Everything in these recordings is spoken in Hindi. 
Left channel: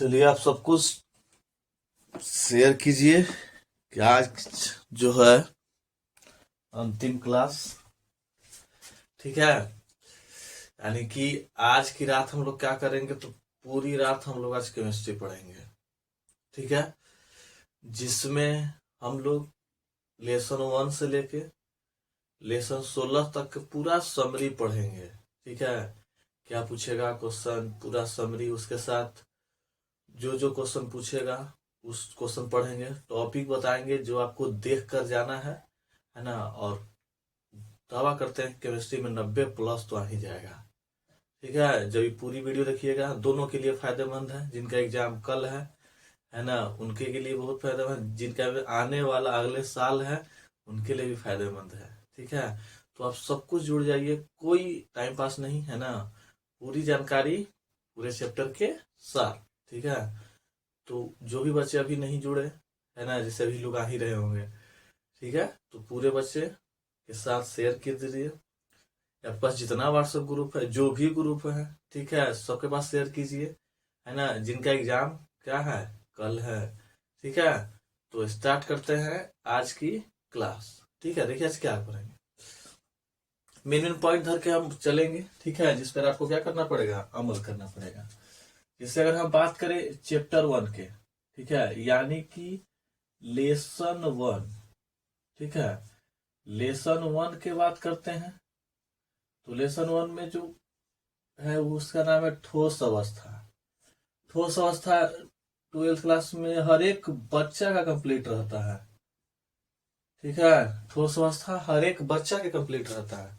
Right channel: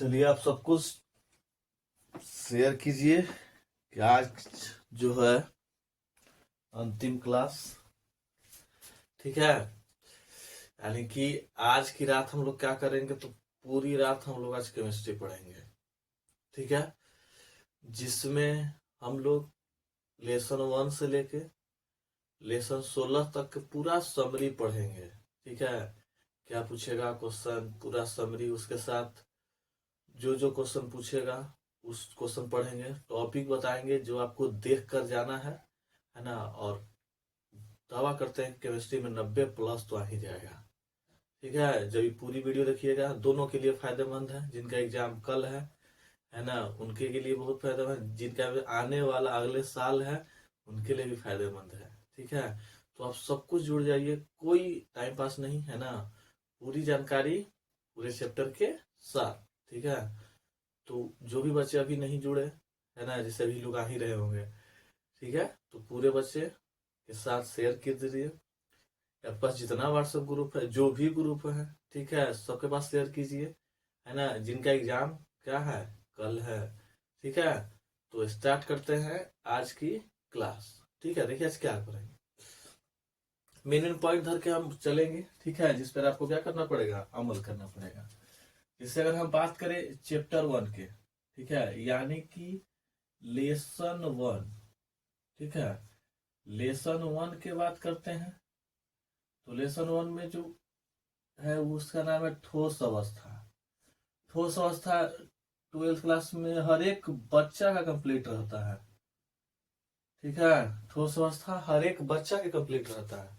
चलिए आप सब कुछ शेयर कीजिए कि आज जो है अंतिम क्लास। ठीक है, यानी कि आज की रात हम लोग क्या करेंगे, तो पूरी रात हम लोग आज केमिस्ट्री पढ़ेंगे। ठीक है, जिसमें हम लोग लेसन 1 से लेके लेसन 16 तक का पूरा समरी पढ़ेंगे। ठीक है, क्या पूछेगा क्वेश्चन, पूरा समरी, उसके साथ जो जो क्वेश्चन पूछेगा उस क्वेश्चन पढ़ेंगे, टॉपिक बताएंगे जो आपको देख कर जाना है ना। और दावा करते हैं केमिस्ट्री में 90+ तो आ ही जाएगा। ठीक है, जब ये पूरी वीडियो देखिएगा, दोनों के लिए फायदेमंद है। जिनका एग्जाम कल है ना, उनके के लिए बहुत फायदेमंद, जिनका आने वाला अगले साल है उनके लिए भी फायदेमंद है। ठीक है, तो आप सब कुछ जुड़ जाइए, कोई टाइम पास नहीं है ना, पूरी जानकारी पूरे चैप्टर के साथ। ठीक है, तो जो भी बच्चे अभी नहीं जुड़े है ना, जैसे अभी लोग आ ही रहे होंगे, ठीक है, तो पूरे बच्चे के साथ शेयर कर दीजिए। आपके पास जितना व्हाट्सएप ग्रुप है, जो भी ग्रुप है, ठीक है, सबके पास शेयर कीजिए, है ना। जिनका एग्जाम क्या है, कल है। ठीक है, तो स्टार्ट करते हैं आज की क्लास। ठीक है, देखिए आज क्या करेंगे, मेन मेन पॉइंट धर के हम चलेंगे। ठीक है, जिस पर आपको क्या करना पड़ेगा, अमल करना पड़ेगा। इससे अगर हम बात करें चैप्टर 1 के, ठीक है, यानी कि लेसन 1, ठीक है, लेसन 1 के बात करते हैं। तो लेसन 1 में जो है उसका नाम है ठोस अवस्था। ठोस अवस्था 12th क्लास में हर एक बच्चा का कंप्लीट रहता है। ठीक है, ठोस अवस्था हर एक बच्चा के कंप्लीट रहता है।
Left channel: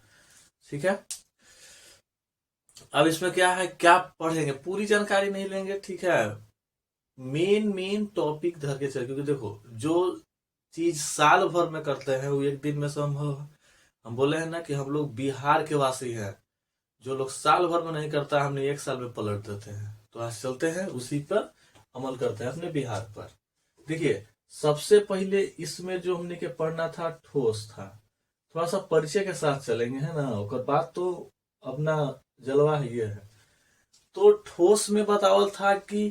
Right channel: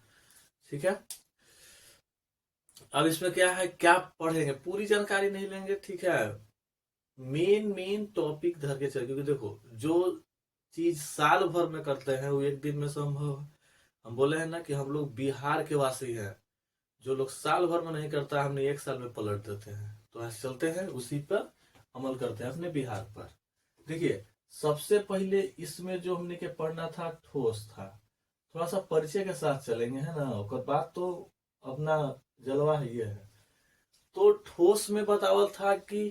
ठीक है, अब इसमें क्या है, क्या पढ़ेंगे, पूरी जानकारी नहीं लेंगे। ठीक है, मेन मेन टॉपिक धर के चल, क्योंकि देखो जो चीज साल भर में करते हैं वो एक दिन में संभव है। हम बोले हैं ना कि हम लोग बिहार के वासी हैं, जो लोग साल भर में नहीं करता हमने एक साल में पलट देते हैं। तो आज चलते हैं उसी पर अमल करते हैं अपने बिहार पर। देखिए, सबसे पहले इसमें जो हमने के पढ़ना था ठोस था, थोड़ा सा परिचय के साथ चलेंगे, है ना, और बात तो अपना जलवा ही है। तो ठोस में बतावल था कि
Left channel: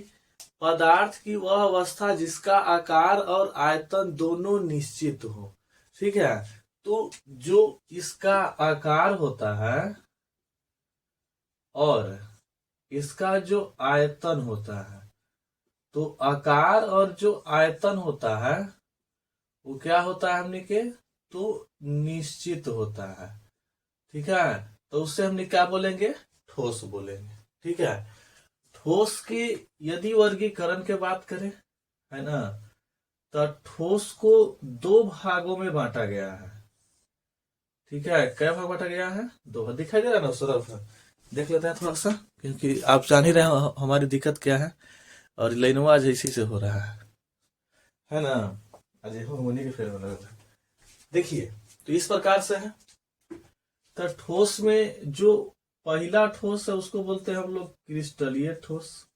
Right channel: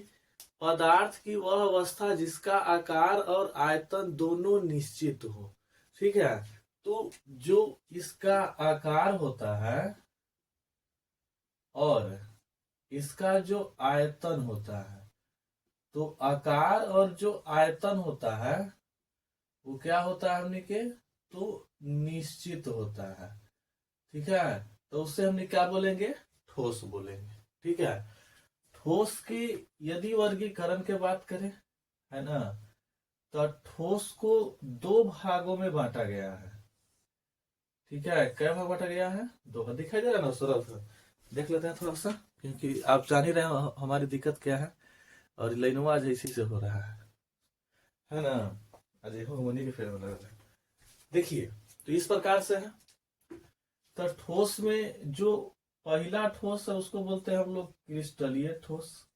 पदार्थ की वह अवस्था जिसका आकार और आयतन दोनों निश्चित हो। ठीक है, तो जो इसका आकार होता है और इसका जो आयतन होता है, तो आकार और जो आयतन होता है वो क्या होता है हमने के, तो निश्चित होता है। ठीक है, तो उससे हमने क्या बोलेंगे, ठोस बोलेंगे। ठीक है, ठोस की यदि वर्गीकरण के बात करें, है ना, तो ठोस को 2 भागों में बांटा गया है। ठीक है, क्या भाग बांटा गया है, 2 भाग। दिखाई दे रहा है ना सरफ, देख लेते हैं थोड़ा सा, क्योंकि आप जान ही रहे हो हमारी दिक्कत क्या है, और लाइनवा आज इसी से हो रहा है ना। अजय हो मुनि के फेर में लग रहा है। देखिए, तो इस प्रकार से है। तो ठोस में जो पहला ठोस है उसको बोलते हैं हम लोग क्रिस्टलीय ठोस।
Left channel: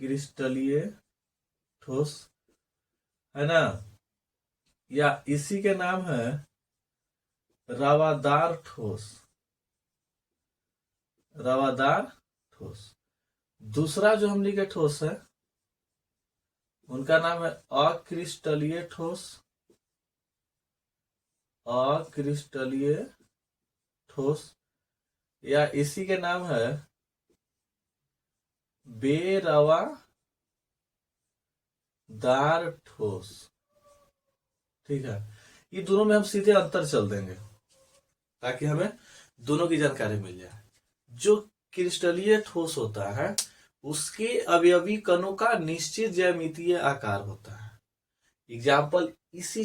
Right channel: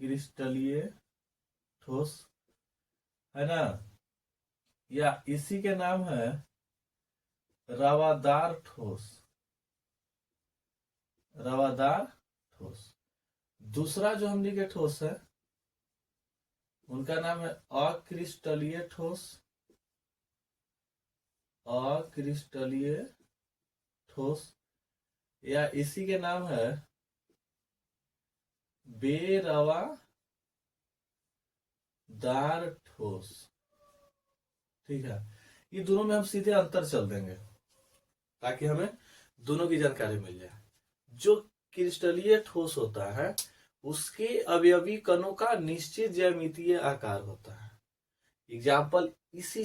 क्रिस्टलीय ठोस, है ना, या इसी के नाम है रवादार ठोस। रवादार ठोस। दूसरा जो हमने के ठोस है उनका नाम है अक्रिस्टलीय ठोस। अक्रिस्टलीय ठोस, या इसी के नाम है बेरवादार ठोस। ठीक है, ये दोनों में हम सीधे अंतर चल देंगे ताकि हमें दोनों की जानकारी मिल जाए। जो क्रिस्टलीय ठोस होता है उसके अवयवी कणों का निश्चित ज्यामितीय आकार होता है। एग्जाम्पल इसी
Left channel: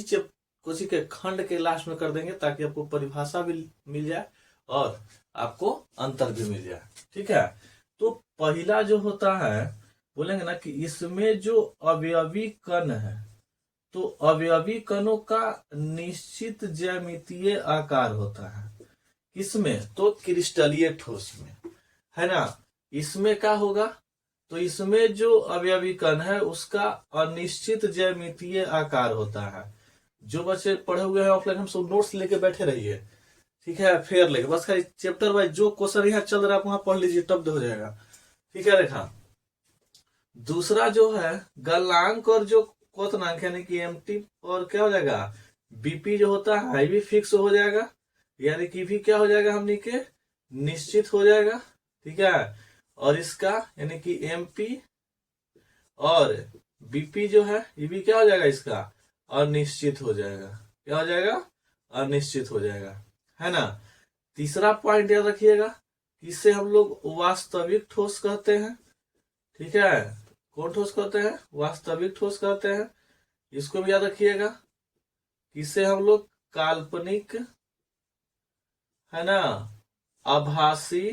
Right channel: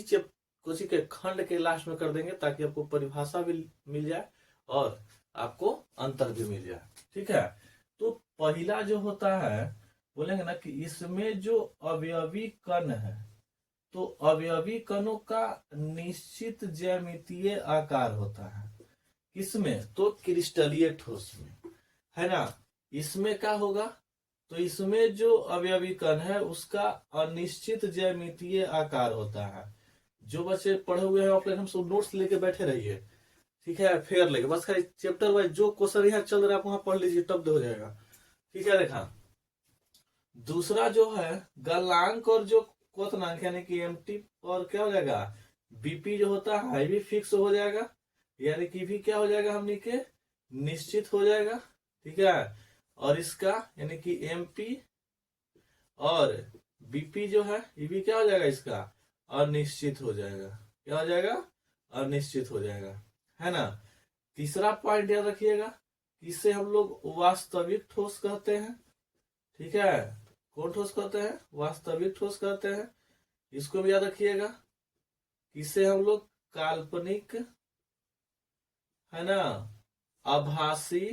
कोची के खंड के लास्ट में कर देंगे ताकि आपको परिभाषा भी मिल जाए और आपको अंतर भी मिल जाए। ठीक है, तो पहला जो होता है बोलेंगे ना कि इसमें जो अवयवी कण है, तो अवयवी कणों का निश्चित ज्यामितीय आकार होता है। किसमें, तो क्रिस्टलीय ठोस में, है ना। इसमें क्या होगा, तो इसमें जो अवयवी कण है उसका अनिश्चित ज्यामितीय आकार होता है। जो बच्चे पढ़े हुए हैं ऑफलाइन, हम सब नोट्स लेके बैठे रहिए। ठीक है, फेयर लेके बस खाली चैप्टर वाइज जो क्वेश्चन यहाँ चल रहा है आप वहां पढ़ लीजिए, तब हो जाएगा। ठीक है, देखा दूसरा जो है गलनांक और जो क्वथनांक यानी कि एमटी और क्या हो जाएगा, बीपी जो होता है भी फिक्स हो जाएगा, यानी कि भी क्या हो जाएगा हमने के निश्चित हो जाएगा। ठीक है, और इसका यानी कि एमपी और बीपी जो है ये भी क्या हो जाएगा इसका अनिश्चित हो जाएगा। क्या हो जाएगा, अनिश्चित हो जाएगा, है ना। तीसरा पॉइंट याद रखिएगा, इसे हम लोग वास्तविक ठोस कहते हैं। ठीक है, कौन ठोस कहते हैं, वास्तविक ठोस कहते हैं। इसको भी याद रखिएगा, इसे हम लोग काल्पनिक, है ना, आभासी,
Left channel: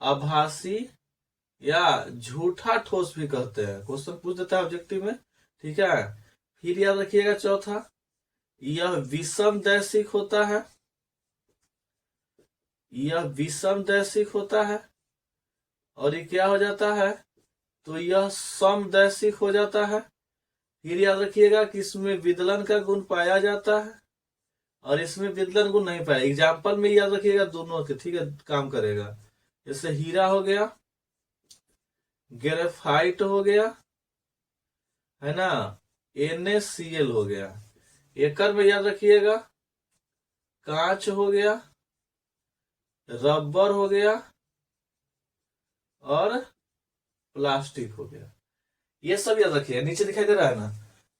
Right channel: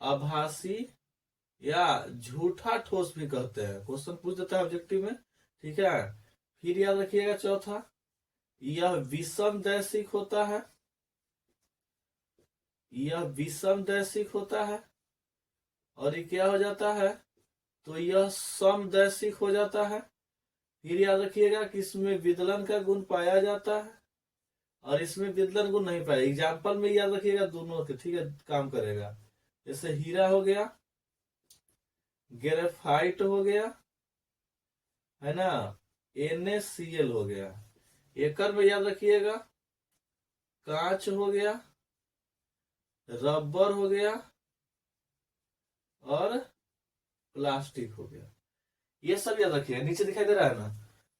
आभासी या झूठा ठोस भी कहते हैं। क्वेश्चन पूछ देता है ऑब्जेक्टिव में। ठीक है, फिर याद रखिएगा चौथा, यह विषम दैशिक होता है, यह विषम दैशिक होता है। और ये क्या हो जाता है, तो यह समदैशिक हो जाता है। फिर याद रखिएगा कि इसमें विदलन का गुण पाया जाता है और इसमें विदलन गुण नहीं पाया। एग्जाम्पल में याद रखिएगा दोनों के, ठीक है, काम करेगा। जैसे हीरा हो गया, ग्रेफाइट हो गया, है ना, NaCl हो गया। एकर में याद रखिएगा कांच हो गया, रबर हो गया और प्लास्टिक हो गया। ये सब याद रखिए, नीचे दिखाई दे रहा है ना।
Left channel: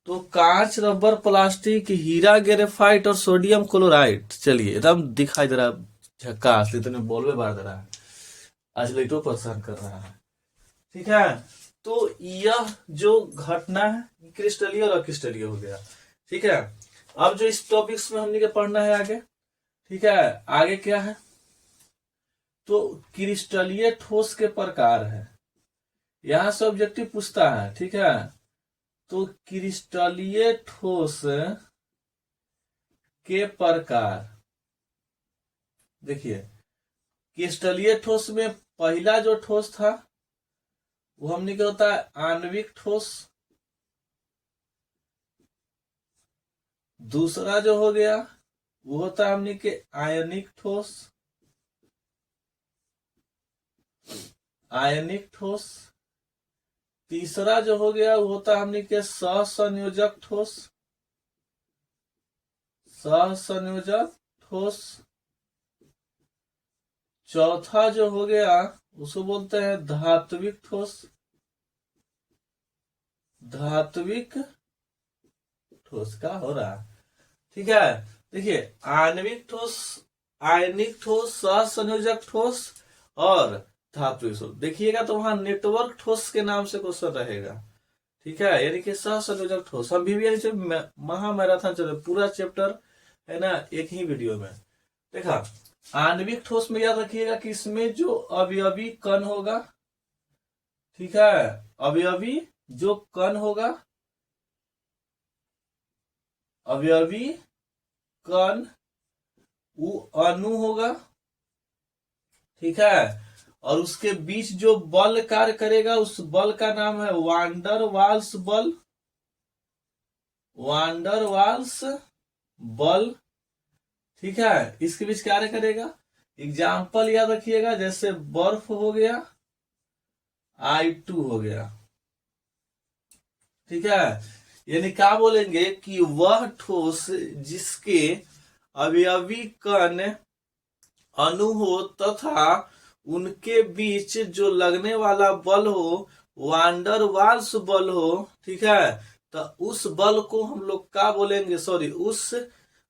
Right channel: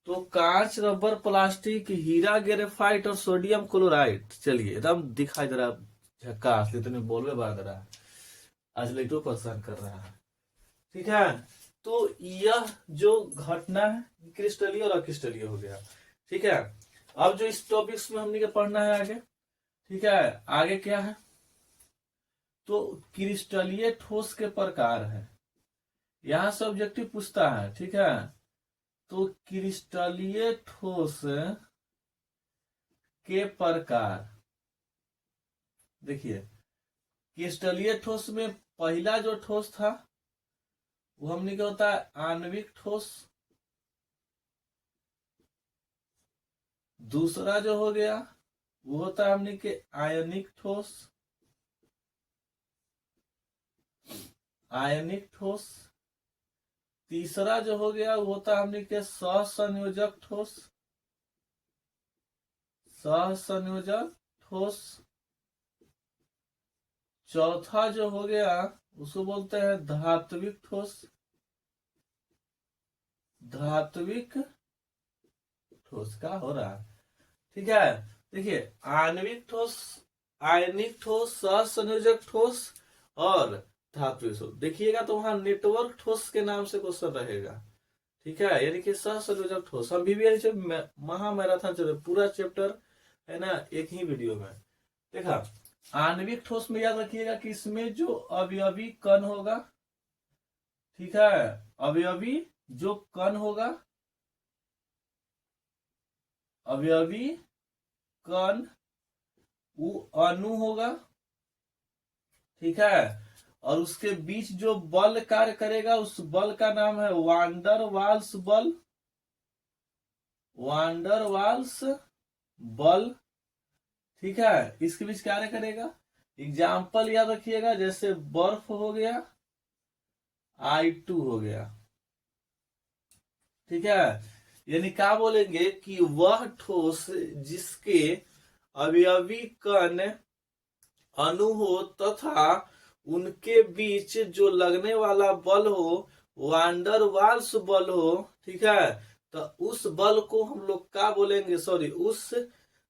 तो कांच, रबर, प्लास्टिक, हीरा, ग्रेफाइट और सोडियम क्लोराइड, चलिए एकदम दिखाई दे रहा है झक्कास, इतने बोलवे बार दे रहा है, आज लाइटो परेशान कर रहा है। ठीक है, तो यह जो घटना है क्रिस्टलीय और अक्रिस्टलीय हो गया। ठीक है, अब जो इस टॉपिक्स में हमने के पढ़ना है आगे। ठीक है, आगे क्या है, तो क्रिस्टलीय ठोस के प्रकार है, यहां से ऑब्जेक्टिव पूछता है। ठीक है, तो क्रिस्टलीय ठोस के प्रकार देखिए, क्रिस्टलीय ठोस में पहला जो ठोस था वो हमने क्या होता है आणविक ठोस। दूसरा जो हो गया वो होता है हमने के आयनिक ठोस, आयनिक ठोस। तीसरा जो हो गया वो होता है हमने के सहसंयोजक ठोस, सहसंयोजक ठोस। चौथा जो हो गया उसको बोलते हैं धात्विक ठोस, धात्विक ठोस। का हो रहा है, ठीक है, देखिए आणविक ठोस, आयनिक ठोस, सहसंयोजक ठोस और धात्विक ठोस। देखिएगा तो वहां नेटवर्क ठोस के नाम से क्वेश्चन रहेगा। ठीक है, यानी कि सहसंयोजक ठोस। हम भी महामैराथन चले पूरा चैप्टर, है ना, एक ही वीडियो में देखा। आणविक ठोस में याद रखिएगा कि इसमें जो अवयवी कण होगा, ठीक है, अवयवी जो कण होगा, अवयवी कण वो अणु होगा। ठीक है, और उसके बीच जो बल कार्य करेगा उस बल का नाम है वांडर वाल्स बल, वांडर वाल्स बल। ठीक है, इसके बीच कार्य करेगा। एग्जाम्पल याद रखिएगा, जैसे बर्फ हो गया, I2 हो गया। ठीक है, यानी क्या बोलेंगे कि वह ठोस जिसके अवयवी कण अणु हो तथा उनके बीच जो लगने वाला बल हो वांडर वाल्स बल हो। ठीक है, तो उस बल को हम लोग क्या बोलेंगे, सॉरी, उस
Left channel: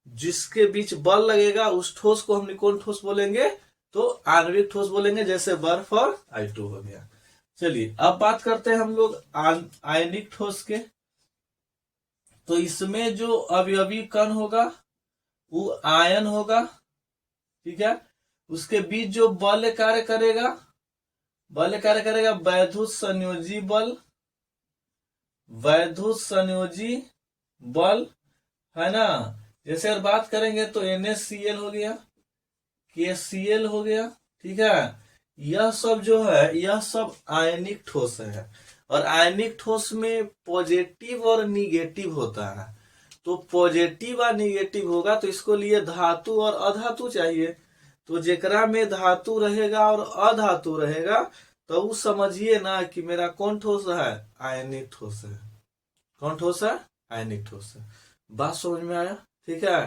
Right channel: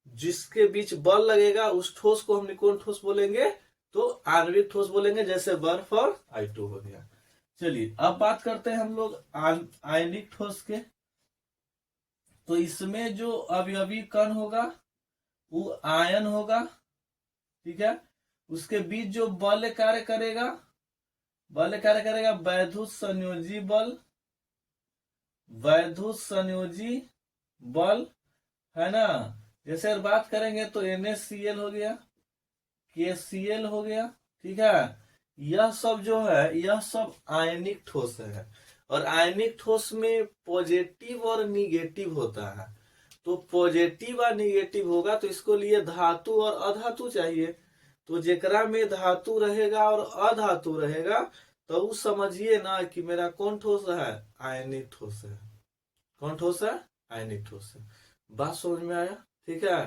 जिसके बीच बल लगेगा उस ठोस को हम कौन ठोस बोलेंगे, तो आणविक ठोस बोलेंगे, जैसे बर्फ और I2 हो गया। चलिए अब बात करते हैं हम लोग आयनिक ठोस के। तो इसमें जो अवयवी कण होगा वो आयन होगा। ठीक है, उसके बीच जो बल कार्य करेगा, बल कार्य करेगा वैद्युत संयोजी बल, वैद्युत संयोजी बल, है ना। जैसे अगर बात करेंगे तो NaCl हो गया, KCl हो गया। ठीक है, यह सब जो है यह सब आयनिक ठोस है। और आयनिक ठोस में पॉजिटिव और निगेटिव होता है। तो पॉजिटिव और निगेटिव होगा तो इसको लिए धातु और अधातु चाहिए। तो जेकरा में धातु रहेगा और अधातु रहेगा तो उस समझिए ना कि मेरा कौन ठोस है, आयनिक ठोस है। कौन ठोस है, आयनिक ठोस है। बात समझ में आया? ठीक है।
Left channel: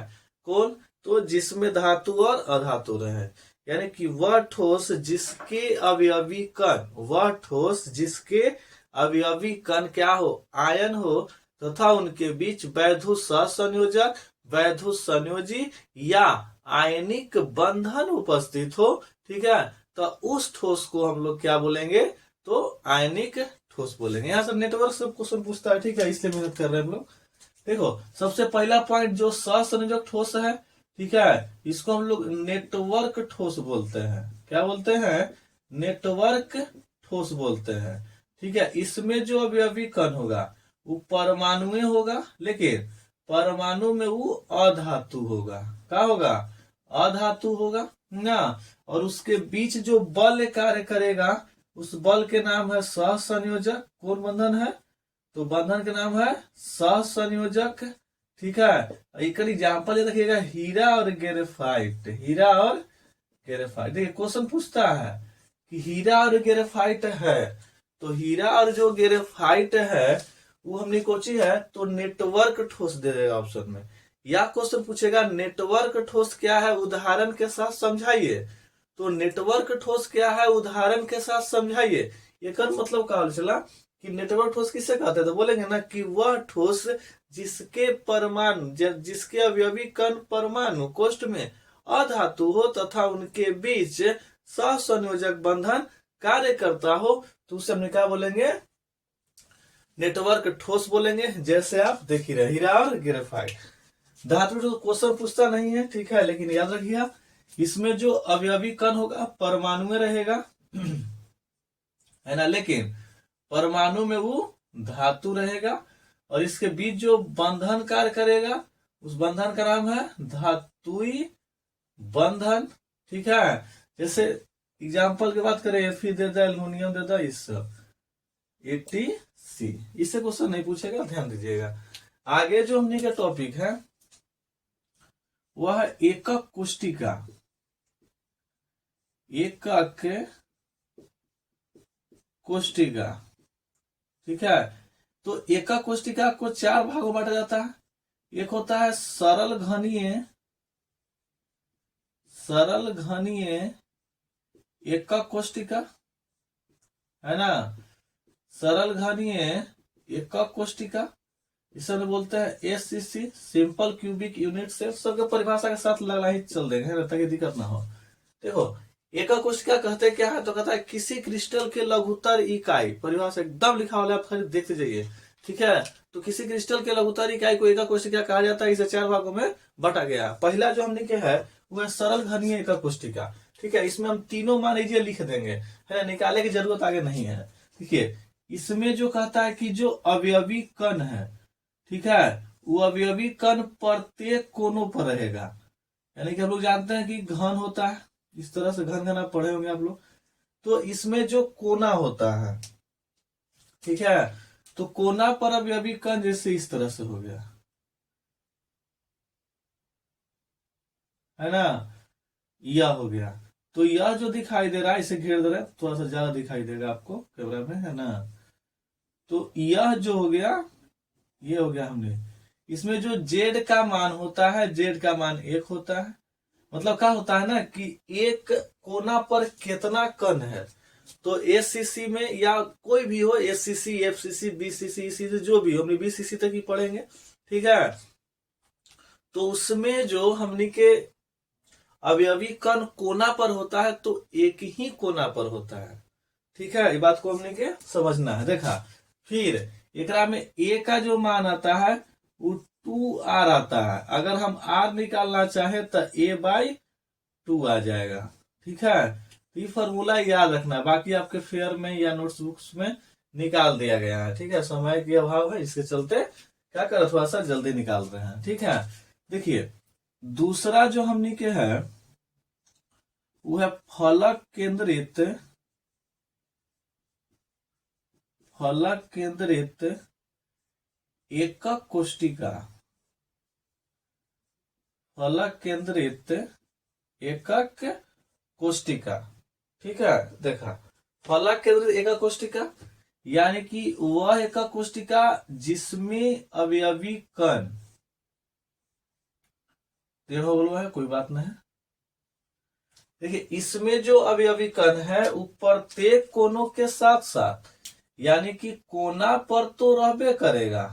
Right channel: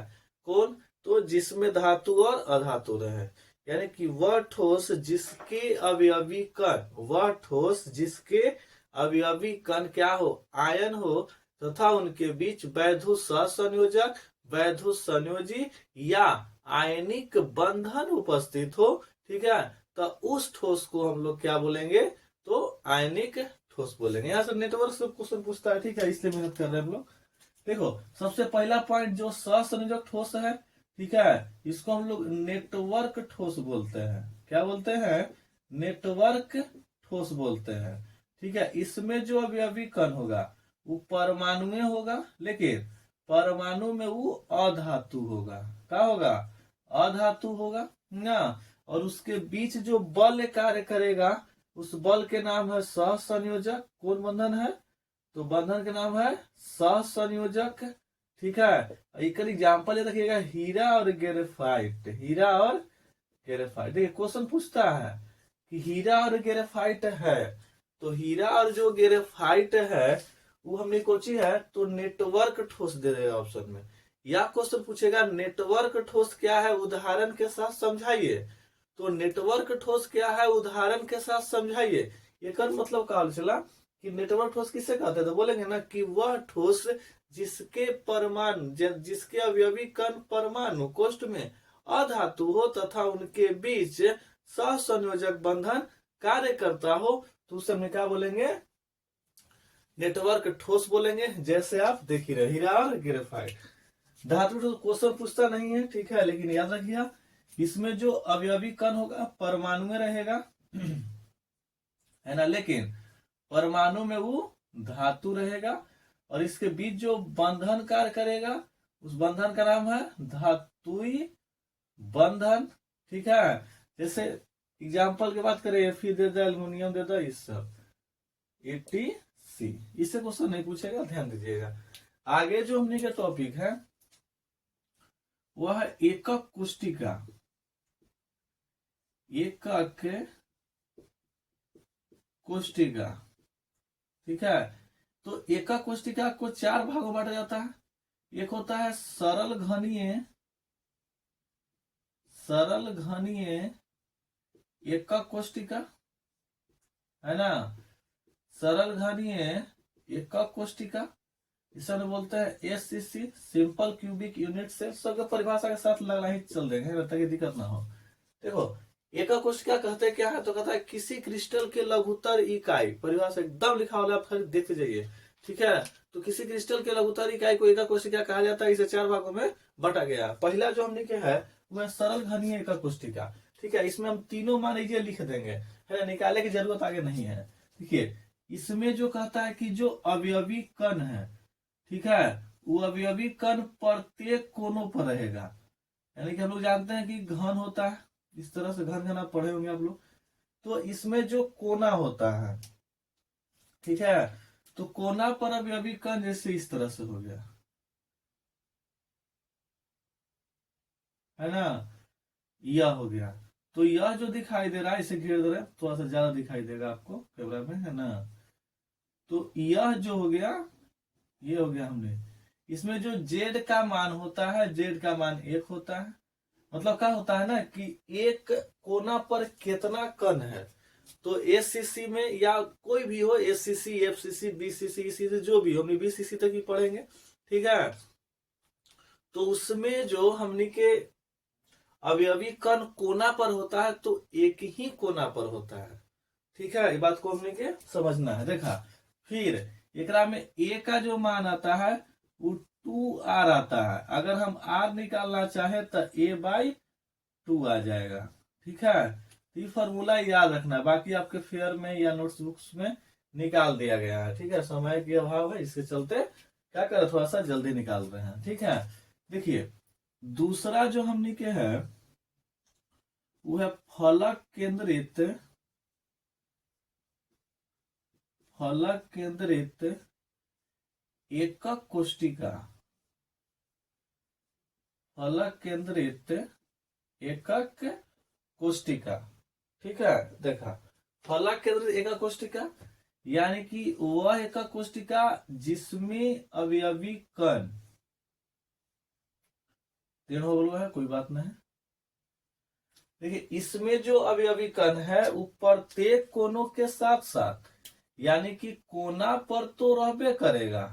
कौन? तो जिसमें धातु और अधातु रहे, यानी कि वह ठोस जिसके अवयवी कण, वह ठोस जिसके अवयवी कण क्या हो, आयन हो, तथा उनके बीच वैधु सहसंयोजक, वैधु संयोजी या आयनिक बंधन उपस्थित हो। ठीक है। तो उस ठोस को हम लोग क्या बोलेंगे, तो आयनिक ठोस बोलेंगे। यहाँ से नेटवर्क से क्वेश्चन पूछता है, ठीक है, इसलिए मेहनत कर रहे हैं हम लोग। देखो सबसे पहला पॉइंट जो सहसंयोजक ठोस है, ठीक है, इसको हम लोग नेटवर्क ठोस बोलते हैं। क्या बोलते हैं? नेटवर्क ठोस बोलते हैं। ठीक है। इसमें जो अवयवी कण होगा वो परमाणु होगा, लेकिन परमाणु में वो अधातु होगा। क्या होगा? अधातु होगा ना। और उसके बीच जो बल कार्य करेगा, उस बल के नाम है सहसंयोजक। कौन बंधन है? तो बंधन के नाम है सहसंयोजक। ठीक है। एक एग्जाम्पल ये रखिएगा, हीरा और ग्रेफाइट। हीरा और ग्रेफाइट, देखिए क्वेश्चन पूछता है कि हीरा और ग्रेफाइट है, तो हीरा और जो ग्रेफाइट है वो हमने कोची है, तो नेटवर्क ठोस दे देगा ऑप्शन में। या क्वेश्चन पूछेगा नेटवर्क ठोस क्या है, उदाहरण के साथ समझाइए। तो नेटवर्क ठोस क्या है, उदाहरण के साथ समझाइए। ये कर मतलब कहा चला कि नेटवर्क ठोस किसे कहते हैं, तो बोलेंगे ना कि वह ठोस जिसके परमाणु, जिसके अवयवी कण परमाणु कोष्ठ में अधातु हो तथा उनके बीच सहसंयोजक बंधन कार्य करता हो, तो उसे हम क्या बोलेंगे, नेटवर्क ठोस बोलेंगे। जैसे आप देख ही रहे, हीरा और ग्रेफाइट। धातु तो क्वेश्चन पूछता नहीं है, ठीक है, लेकिन याद रखिए इसमें जो अवयवी कण होगा परमाणु में रहेगा, है ना, लेकिन परमाणु में वो धातु रहेगा, और इसके बीच जो बंधन कार्य करेगा उस बंधन का नाम है धातुई बंधन। ठीक है। जैसे एग्जाम्पल की बात करें, Fe दे दो, एल्युमिनियम दे दो, इस ATC, इससे क्वेश्चन नहीं पूछेगा, ध्यान दीजिएगा। आगे जो हमने का टॉपिक है वह एकक कोष्टिका। एकक कोष्टिका, ठीक है। तो एकक कोष्टिका को चार भागों में बांटा जाता है। एक होता है सरल घनीय, सरल घनीय एकक कोष्टिका, है ना, सरल घनीय एकक कोष्टिका, इसे हम बोलते हैं SCC, simple cubic unit cell. सबके परिभाषा के साथ लगना ही चल देंगे ताकि दिक्कत ना हो। देखो एकक कोशिका कहते क्या है, तो कहता है किसी क्रिस्टल के लघुत्तर इकाई, परिभाषा एकदम लिखा हुआ आप खाली देखते जाइए। ठीक है। तो किसी क्रिस्टल के लघुत्तर इकाई को एकक कोशिका कहा जाता है। इसे चार भागों में बांटा गया। पहला जो हमने क्या है वो है सरल घनीय एकक कोशिका। ठीक है। इसमें हम तीनों मान लीजिए लिख देंगे, है ना, निकाले की जरूरत आगे नहीं है। देखिए इसमें जो कहता है कि जो अवयवी कण है, ठीक है, वो अवयवी कण प्रत्येक कोनों पर रहेगा। यानी कि हम लोग जानते हैं कि घन होता है, इस तरह से घन घन आप पढ़े होंगे आप लोग। तो इसमें जो कोना होता है, ठीक है, तो कोना पर अवयवी कण जैसे इस तरह से हो गया, है ना, यह हो गया। तो यह जो दिखाई दे रहा है, इसे घेर दे रहा है, थोड़ा सा ज्यादा दिखाई देगा आपको कैमरा में, है ना। तो यह जो हो गया, ये हो गया हमने। इसमें जो जेड का मान होता है, जेड का मान 1 होता है। मतलब क्या होता है ना कि एक कोना पर कितना कण है। तो SCC में या कोई भी हो, SCC, FCC, BCC, ECC, जो भी हो, हमने BCC तक ही पढ़ेंगे। ठीक है। तो उसमें जो हमने के अवयवी कण कोना पर होता है, तो एक ही कोना पर होता है। ठीक है। ये बात को हमने के समझना है। देखा, फिर एकरा में ए का जो मान आता है वो 2r आता है। अगर हम r निकालना चाहे तो a/2 आ जाएगा। ठीक है। ये फॉर्मूला याद रखना, बाकी आपके फेयर में या नोट्स बुक्स में निकाल दिया गया है। ठीक है। समय के अभाव है, इसके चलते क्या कर थोड़ा सा जल्दी निकाल रहे हैं। ठीक है। देखिए दूसरा जो हमने के है वो है फलक केंद्रित, फलक केंद्रित एकक कोष्टिका, फलक केंद्रित एकक कोष्टिका। ठीक है। देखा फलक केंद्रित एका कोशिका यानी कि वह एका कोशिका जिसमें अवयवी कण, देखो बोलो है कोई बात नहीं। देखिए इसमें जो अवयवी कण है वो प्रत्येक कोनों के साथ साथ, यानी कि कोना पर तो रहबे करेगा,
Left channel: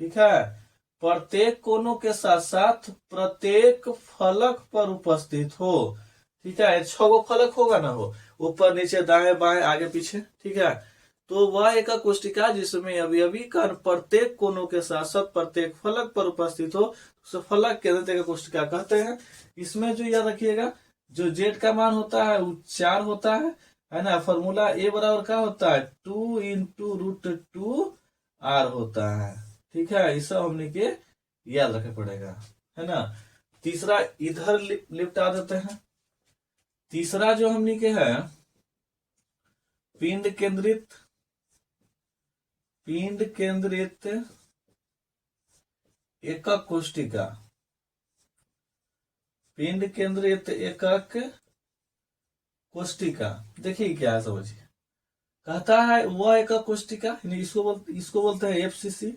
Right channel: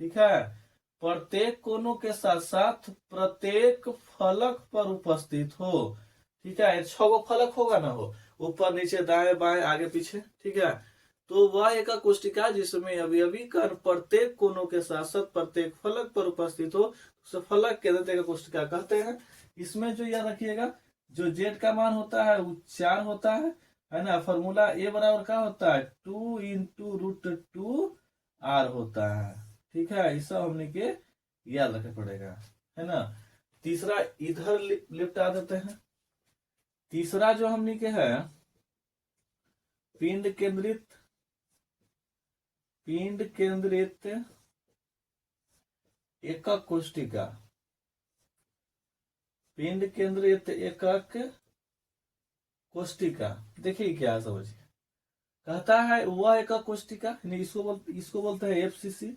ठीक है, प्रत्येक कोनों के साथ साथ प्रत्येक फलक पर उपस्थित हो, ठीक है, 6 गो फलक होगा ना, हो ऊपर नीचे दाएं बाएं आगे पीछे, ठीक है। तो वह एक कोशिका जिसमें अवयवी कण प्रत्येक कोनों के साथ साथ प्रत्येक फलक पर उपस्थित हो, उसे फलक केंद्रित एक कोशिका कहते हैं। इसमें जो याद रखिएगा, जो जेड का मान होता है वो 4 होता है ना। फॉर्मूला ए बराबर क्या होता है, 2 × √2 r होता है, ठीक है। ये सब हमने के याद रखे पड़ेगा, है ना। तीसरा इधर लिपटा देते हैं। तीसरा जो हमने के है पिंड केंद्रित एकक कोशिका, पिंड केंद्रित एकक कोशिका। देखिए क्या है, समझिए, कहता है वह एकक कोशिका, इसको बोलते हैं एफसीसी,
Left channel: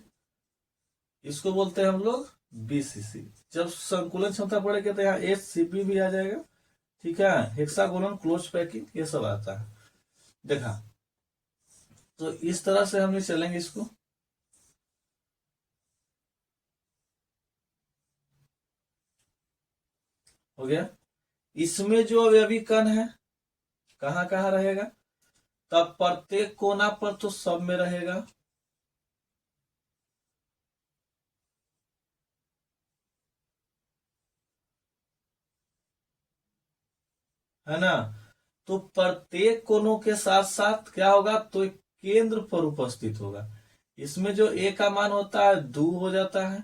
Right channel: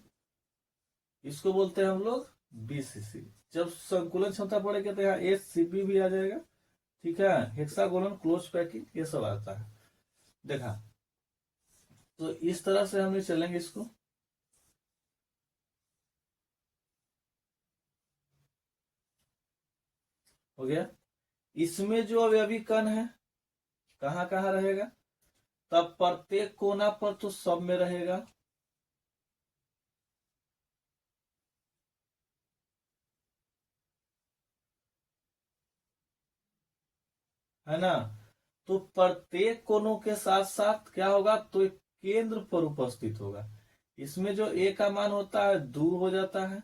इसको बोलते हैं हम लोग बीसीसी। जब संकुलन क्षमता पड़ेगा तो यहाँ एचसीपी भी आ जाएगा, ठीक है, हेक्सागोनल क्लोज पैकिंग ये सब आता है, देखा। तो इस तरह से हम चलेंगे इसको। हो गया। इसमें जो अवयवी कण है कहाँ कहाँ रहेगा, तब प्रत्येक कोना पर तो सब में रहेगा, है ना। तो प्रत्येक कोनों के साथ साथ क्या होगा, तो एक केंद्र पर उपस्थित होगा। इसमें जो ए का मान होता है 2 हो जाता है,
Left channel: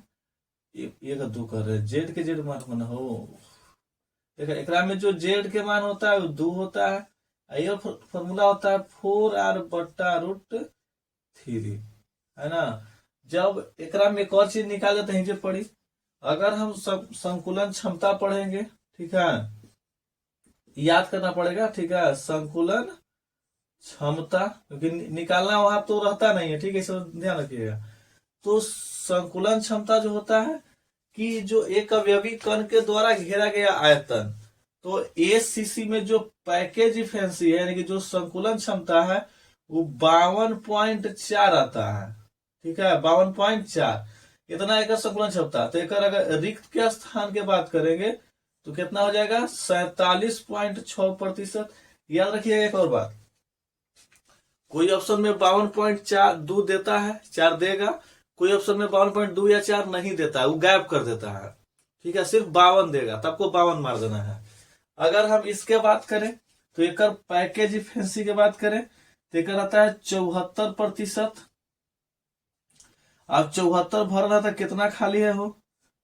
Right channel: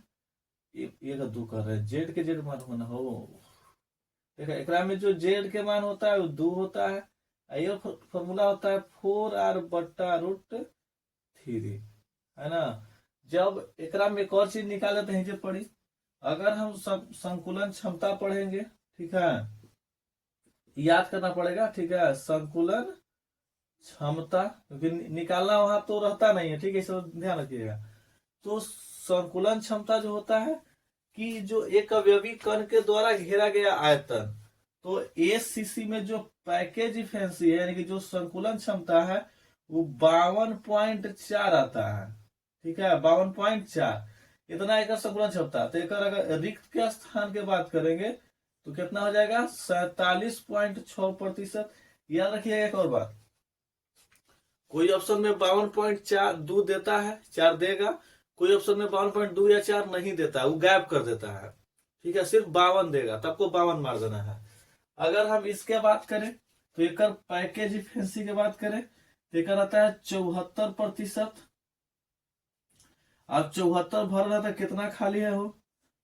ये का 2 कर रहे, जेड के जेड मान होना हो, देखो एकरा में जो जेड के मान होता है वो 2 होता है। ये फॉर्मूला होता है 4r/√3, है ना। जब एकरा में एक और चीज निकाले तो हिजे पड़ी, अगर हम संकुलन क्षमता पढ़ेंगे, ठीक है, याद करना पड़ेगा, ठीक है, संकुलन क्षमता, क्योंकि निकालना वहां तो रहता नहीं है, ठीक है, इसे ध्यान रखिएगा। तो संकुलन क्षमता जो होता है कि जो एक अवयवी कण के द्वारा घेरा गया आयतन, तो एसीसी में जो पैकेज इफिशिएंसी है, यानी कि जो संकुलन क्षमता है वो 52.4 आता है, ठीक है, 52.4, इतना एक संकुलन क्षमता। तो एक अगर रिक्त के स्थान की बात करेंगे तो कितना हो जाएगा, 47.6%। याद रखिएगा एक और बात, कोई ऑप्शन में 52.4 2 देता है, 4 देगा, कोई ऑप्शन में 52.2 या 4 नहीं देता है, वो गायब कर देता है, ठीक है, सिर्फ 52 देगा, तो आपको 52 मार देना है। अगर हम इसके बात करें तो एक पैकेज इफिशिएंसी की बात करें तो एक आता है 74%। अब 74 भर रहा था, कितना खाली है हो,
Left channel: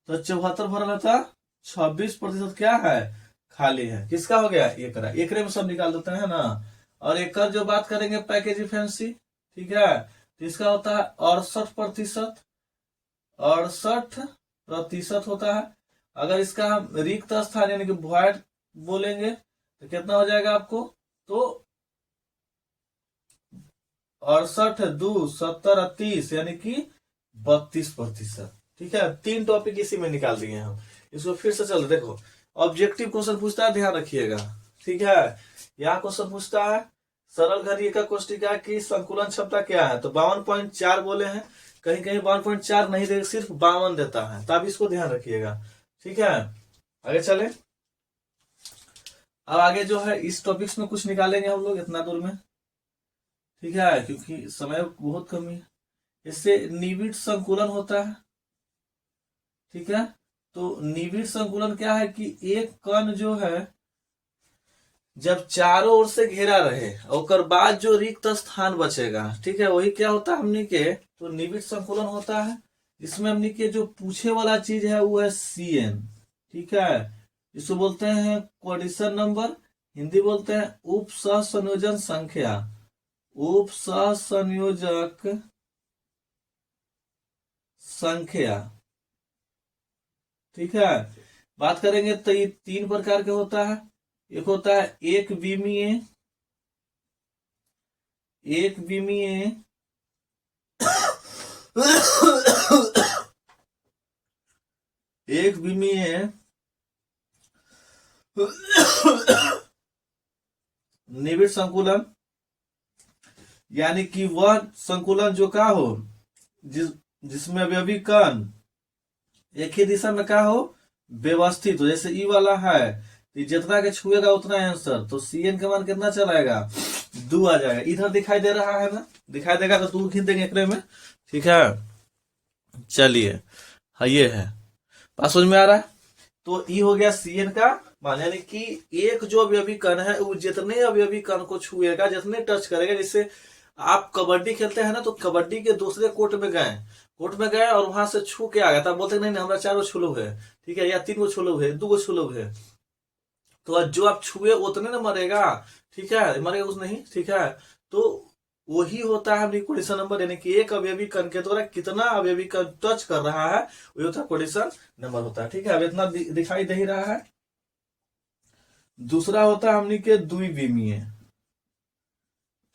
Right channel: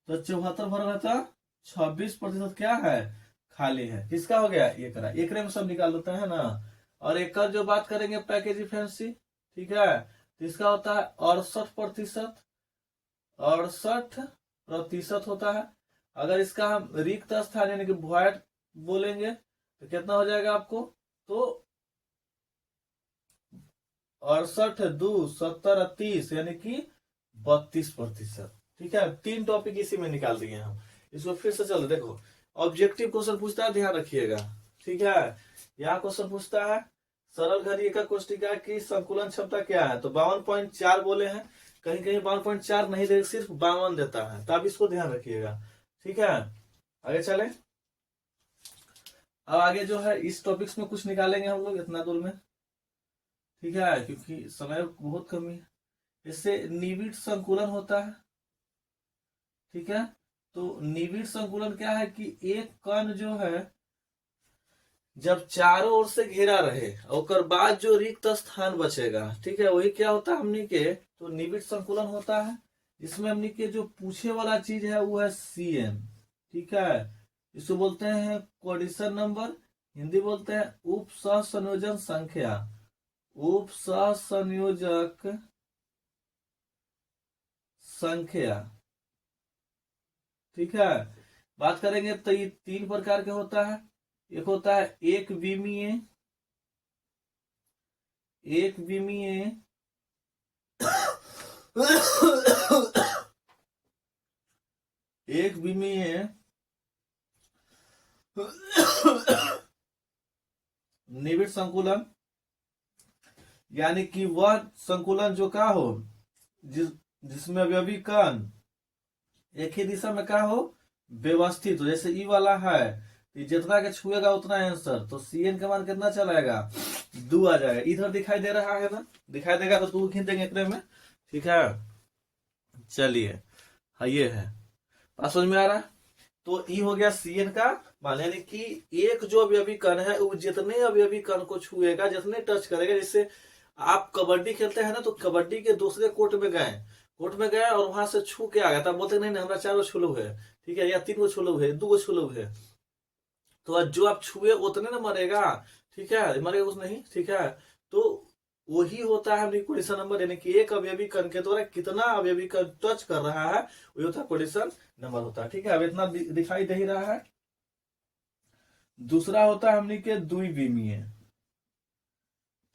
तो 74 भर रहा था, 26% क्या है, खाली है। किसका हो गया, एकरे में सब निकाल देते हैं ना। और एक जो बात करेंगे पैकेज इफिशिएंसी, ठीक है, तो इसका होता है 68%, 68% होता है। अगर इसका हम रिक्त स्थान यानी कि वॉइड बोलेंगे तो कितना हो जाएगा आपको, तो 68×2=70, यानी कि 32%, ठीक है। 3 टॉपिक इसी में निकाल दिए हम, इसको फिर से चलो देखो। ऑब्जेक्टिव क्वेश्चन पूछता है, ध्यान रखिएगा, ठीक है। यहाँ क्वेश्चन पूछता है सरल घड़ी का कोशिका की संकुलन क्षमता क्या है, तो 52.4 बोले हैं, कहीं कहीं 52.4 नहीं देगा, सिर्फ 52 देता है, तो आप इसको ध्यान रखिएगा, ठीक है। आगे चले। अब आगे जो है इस टॉपिक्स में कुछ निकालेंगे हम लोग इतना दूर में, ठीक है, क्योंकि समय बहुत कमी है। इससे निविड़ संकुलन होता है, ठीक है। तो निविड़ संकुलन क्या है कि एक कण जो है जब चारों ओर से घेरा रहे और बाद जो रिक्त स्थान बचेगा, ठीक है, वही क्या होता है हमने के, तो निविड़ संकुलन होता है। इसमें हमने के जो पूछे वाला चीज है वो है CN, ठीक है, इसको बोलते हैं कोऑर्डिनेशन नंबर, हिंदी बोलते हैं उप सहसंयोजन संख्या, उप सहसंयोजक संख्या, ठीक है। बात करेंगे तो ये 3 प्रकार के होता है, एक होता है एक विमीय, एक विमीय एक विमीय निविड़ संकुलन, यानी कि वह संकुलन जो का हो जिसमें अवयवी कण एक ही दिशा में का हो, व्यवस्थित हो। जैसे ई वाला है, जितना के छुएगा उतना आंसर, तो CN का मान कितना चलाएगा, 2 आ जाएगा। इधर दिखाई दे रहा है ना, दिखाई देगा तो 2 खींच देंगे एकरे में, ठीक है। चलिए, हाँ ये है, बात समझ में आ रहा है। तो ई हो गया CN का मान, यानी कि एक जो अवयवी कण है वो जितने अवयवी कण को छुएगा, जितने टच करेगा। जैसे आप कबड्डी खेलते हैं ना, तो कबड्डी के दूसरे कोर्ट में गए और वहां से छू के आ गया, तब बोलते नहीं नहीं हमारा 4 गो छू लोग है, ठीक है, या 3 गो छू लोग है, 2 गो छू लोग है। तो आज जो आप छुए उतने ना मरेगा, ठीक है, मरेगा उस नहीं, ठीक है। तो वही होता है क्वेश्चन नंबर, यानी कि एक अवयवी कण के द्वारा कितना अवयवी कण टच कर रहा है, वही होता है क्वेश्चन नंबर होता है, ठीक है। अब इतना दिखाई दे ही रहा है। दूसरा होता है हमने के द्विविमीय,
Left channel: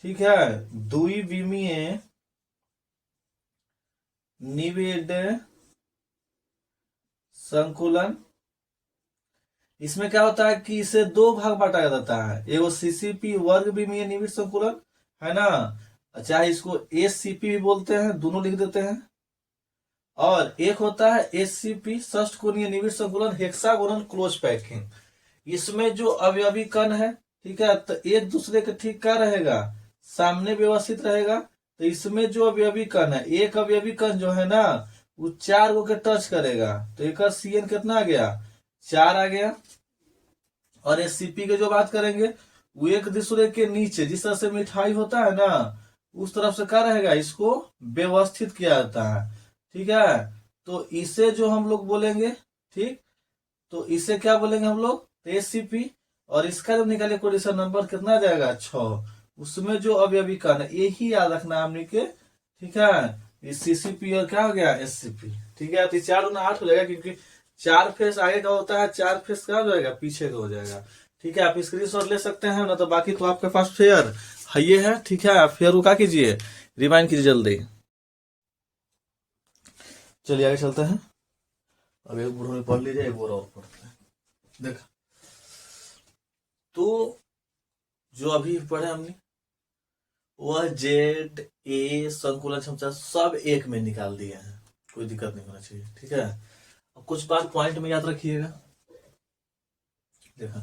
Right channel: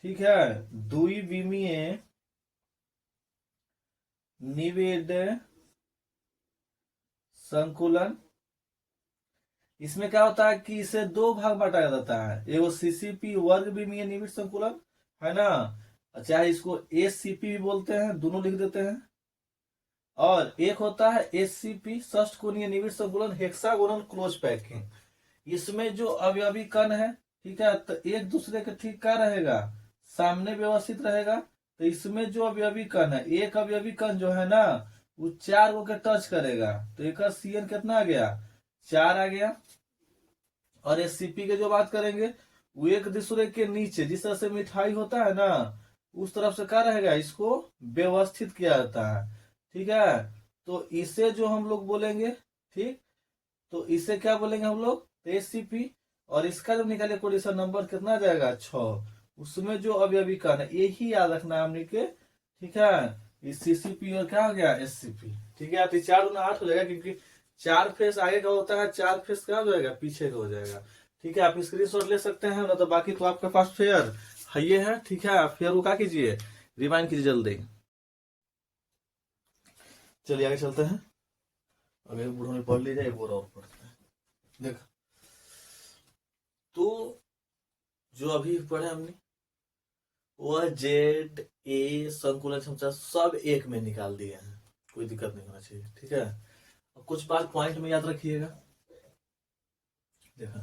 ठीक है, द्विविमीय निविड़ संकुलन। इसमें क्या होता है कि इसे 2 भाग बांटा जाता है, एगो CCP वर्ग विमीय निविड़ संकुलन है ना, चाहे इसको SCP भी बोलते हैं, दोनों लिख देते हैं। और एक होता है SCP षष्ठ कोणीय निविड़ संकुलन हेक्सागोनल क्लोज पैकिंग। इसमें जो अवयवी कण है, ठीक है, तो एक दूसरे के ठीक क्या रहेगा, सामने व्यवस्थित रहेगा। तो इसमें जो अवयवी कण है, एक अवयवी कण जो है ना, वो 4 गो के टच करेगा, तो एक CN कितना आ गया, 4 आ गया। और SCP के जो बात करेंगे, वो एक दूसरे के नीचे, जिस तरह से मिठाई होता है ना, उस तरफ से क्या रहेगा, इसको व्यवस्थित किया जाता है, ठीक है। तो इसे जो हम लोग बोलेंगे, ठीक, तो इसे क्या बोलेंगे हम लोग, SCP। और इसका जब निकाले क्वेश्चन नंबर कितना आ जाएगा, 6। उसमें जो अवयवी कण है, यही याद रखना है हमने के, ठीक है। इस CCP और क्या हो गया, SCP, ठीक है। तो 4 गुना 8 हो जाएगा, क्योंकि 4 फेस आगे का होता है, 4 फेस क्या हो जाएगा, पीछे का हो जाएगा, ठीक है। आप स्क्रीनशॉट ले सकते हैं ना, तो बाकी तो आपके पास फेयर है, ये है, ठीक है। फेयर को क्या कीजिए, रिमाइंड कीजिए जल्दी। चलिए आगे चलते हैं। अब एक बुढ़ो में पढ़ लीजिए, एक और पढ़ते हैं। देखा, तो जो अभी पढ़े हमने, वह ZA संकुलन क्षमता सब एक में निकाल दिए हैं, कोई दिक्कत नहीं होना चाहिए, ठीक है। कुछ बात पॉइंट में याद रखिएगा। देखा,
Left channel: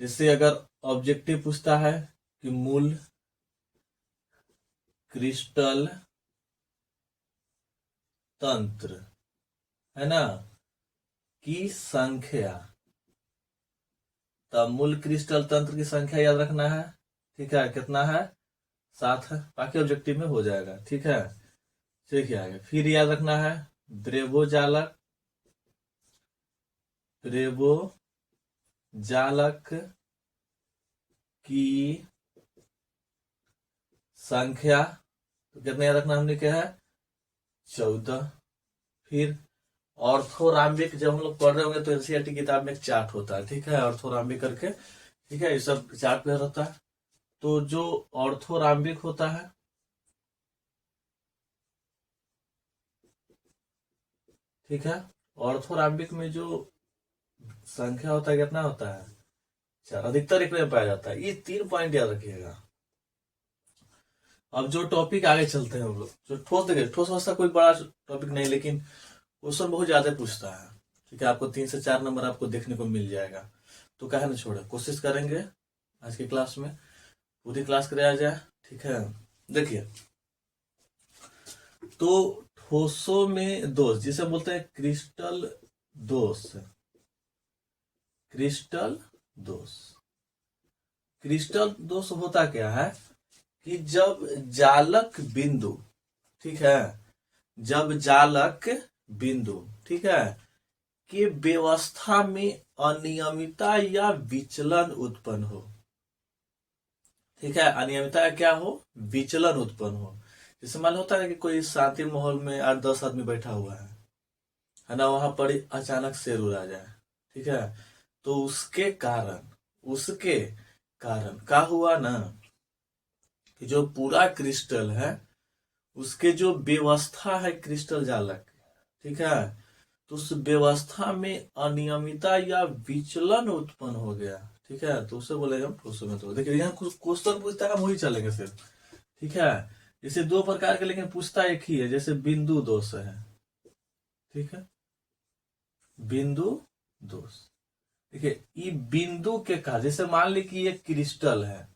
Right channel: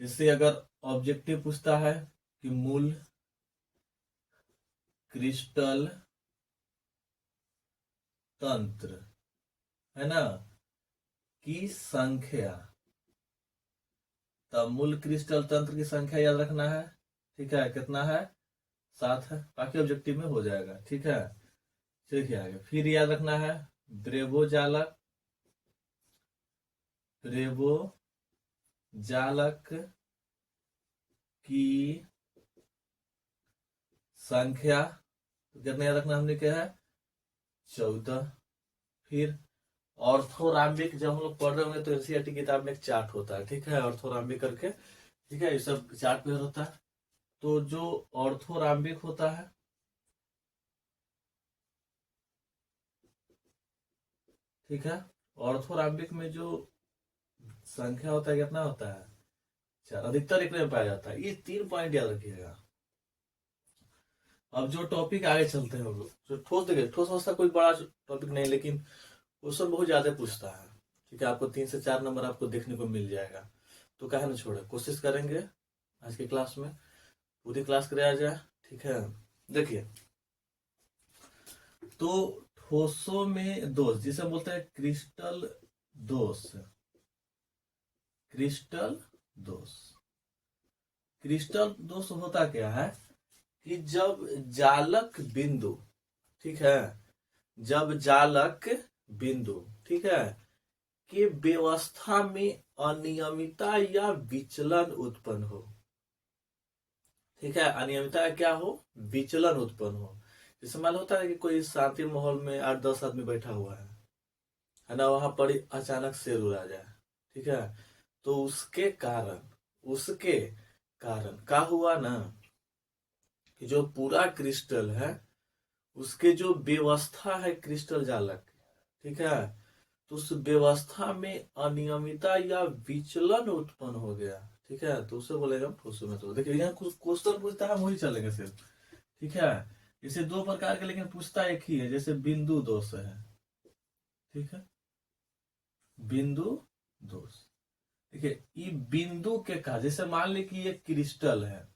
जैसे अगर ऑब्जेक्टिव पूछता है कि मूल क्रिस्टल तंत्र है ना की संख्या, तो मूल क्रिस्टल तंत्र की संख्या याद रखना है, ठीक है, कितना है, 7 है, बाकी ऑब्जेक्टिव में हो जाएगा, ठीक है। देखिए आगे, फिर याद रखना है द्रेवोजालक की संख्या, तो कितना याद रखना हमने क्या है, 14। फिर ऑर्थोराम्बिक, जब हम लोग पढ़ रहे होंगे तो NCERT किताब में एक चार्ट होता है, ठीक है, ऑर्थोराम्बिक करके, ठीक है, ये सब चार्ट में रहता है। तो जो ऑर्थोराम्बिक होता है, ठीक है, ऑर्थोराम्बिक में जो संख्या होता है कितना होता है, 4, अधिकतर एक में पाया जाता है। ये 3 पॉइंट याद रखिएगा। अब जो टॉपिक आगे चलते हैं हम लोग, जो ठोस, देखिए ठोस अवस्था कोई बड़ा टॉपिक नहीं, लेकिन क्वेश्चन बहुत ज्यादा पूछता है, ठीक है। आपको 3 से 4 नंबर आपको देखने को मिल जाएगा, तो कहे ना छोड़े, कोशिश करेंगे आज की क्लास में पूरी क्लास कराया जाए, ठीक है। देखिए, तो ठोसों में दोष जिसे बोलते हैं क्रिस्टल दोष, क्रिस्टल दोष, क्रिस्टल दोष होता क्या है कि जब जालक बिंदु, ठीक है, जब जालक बिंदु, ठीक है, की व्यवस्था में अनियमितता या विचलन उत्पन्न हो, ठीक है, अनियमितता क्या हो, विचलन उत्पन्न हो। जैसे मान होता है कि कोई शांति माहौल में 8-10 आदमी बैठा हुआ है ना, वहां पर अचानक शेर उड़ा जाए, ठीक है, तो उसके कारण क्या हुआ ना, कि जो पूरा क्रिस्टल है उसके जो व्यवस्था है क्रिस्टल जालक, ठीक है, तो उस व्यवस्था में अनियमितता या विचलन उत्पन्न हो गया, ठीक है, तो उसे बोलेगा फ्लोसीमेट्री। देखिए यहाँ कुछ क्वेश्चन पूछता है, हम वही चलेंगे सिर्फ, ठीक है। जैसे दो प्रकार के, लेकिन पूछता एक ही है, जैसे बिंदु दोष है, ठीक है, बिंदु दोष। देखिए ये बिंदु के कहा, जैसे मान ली कि ये क्रिस्टल है,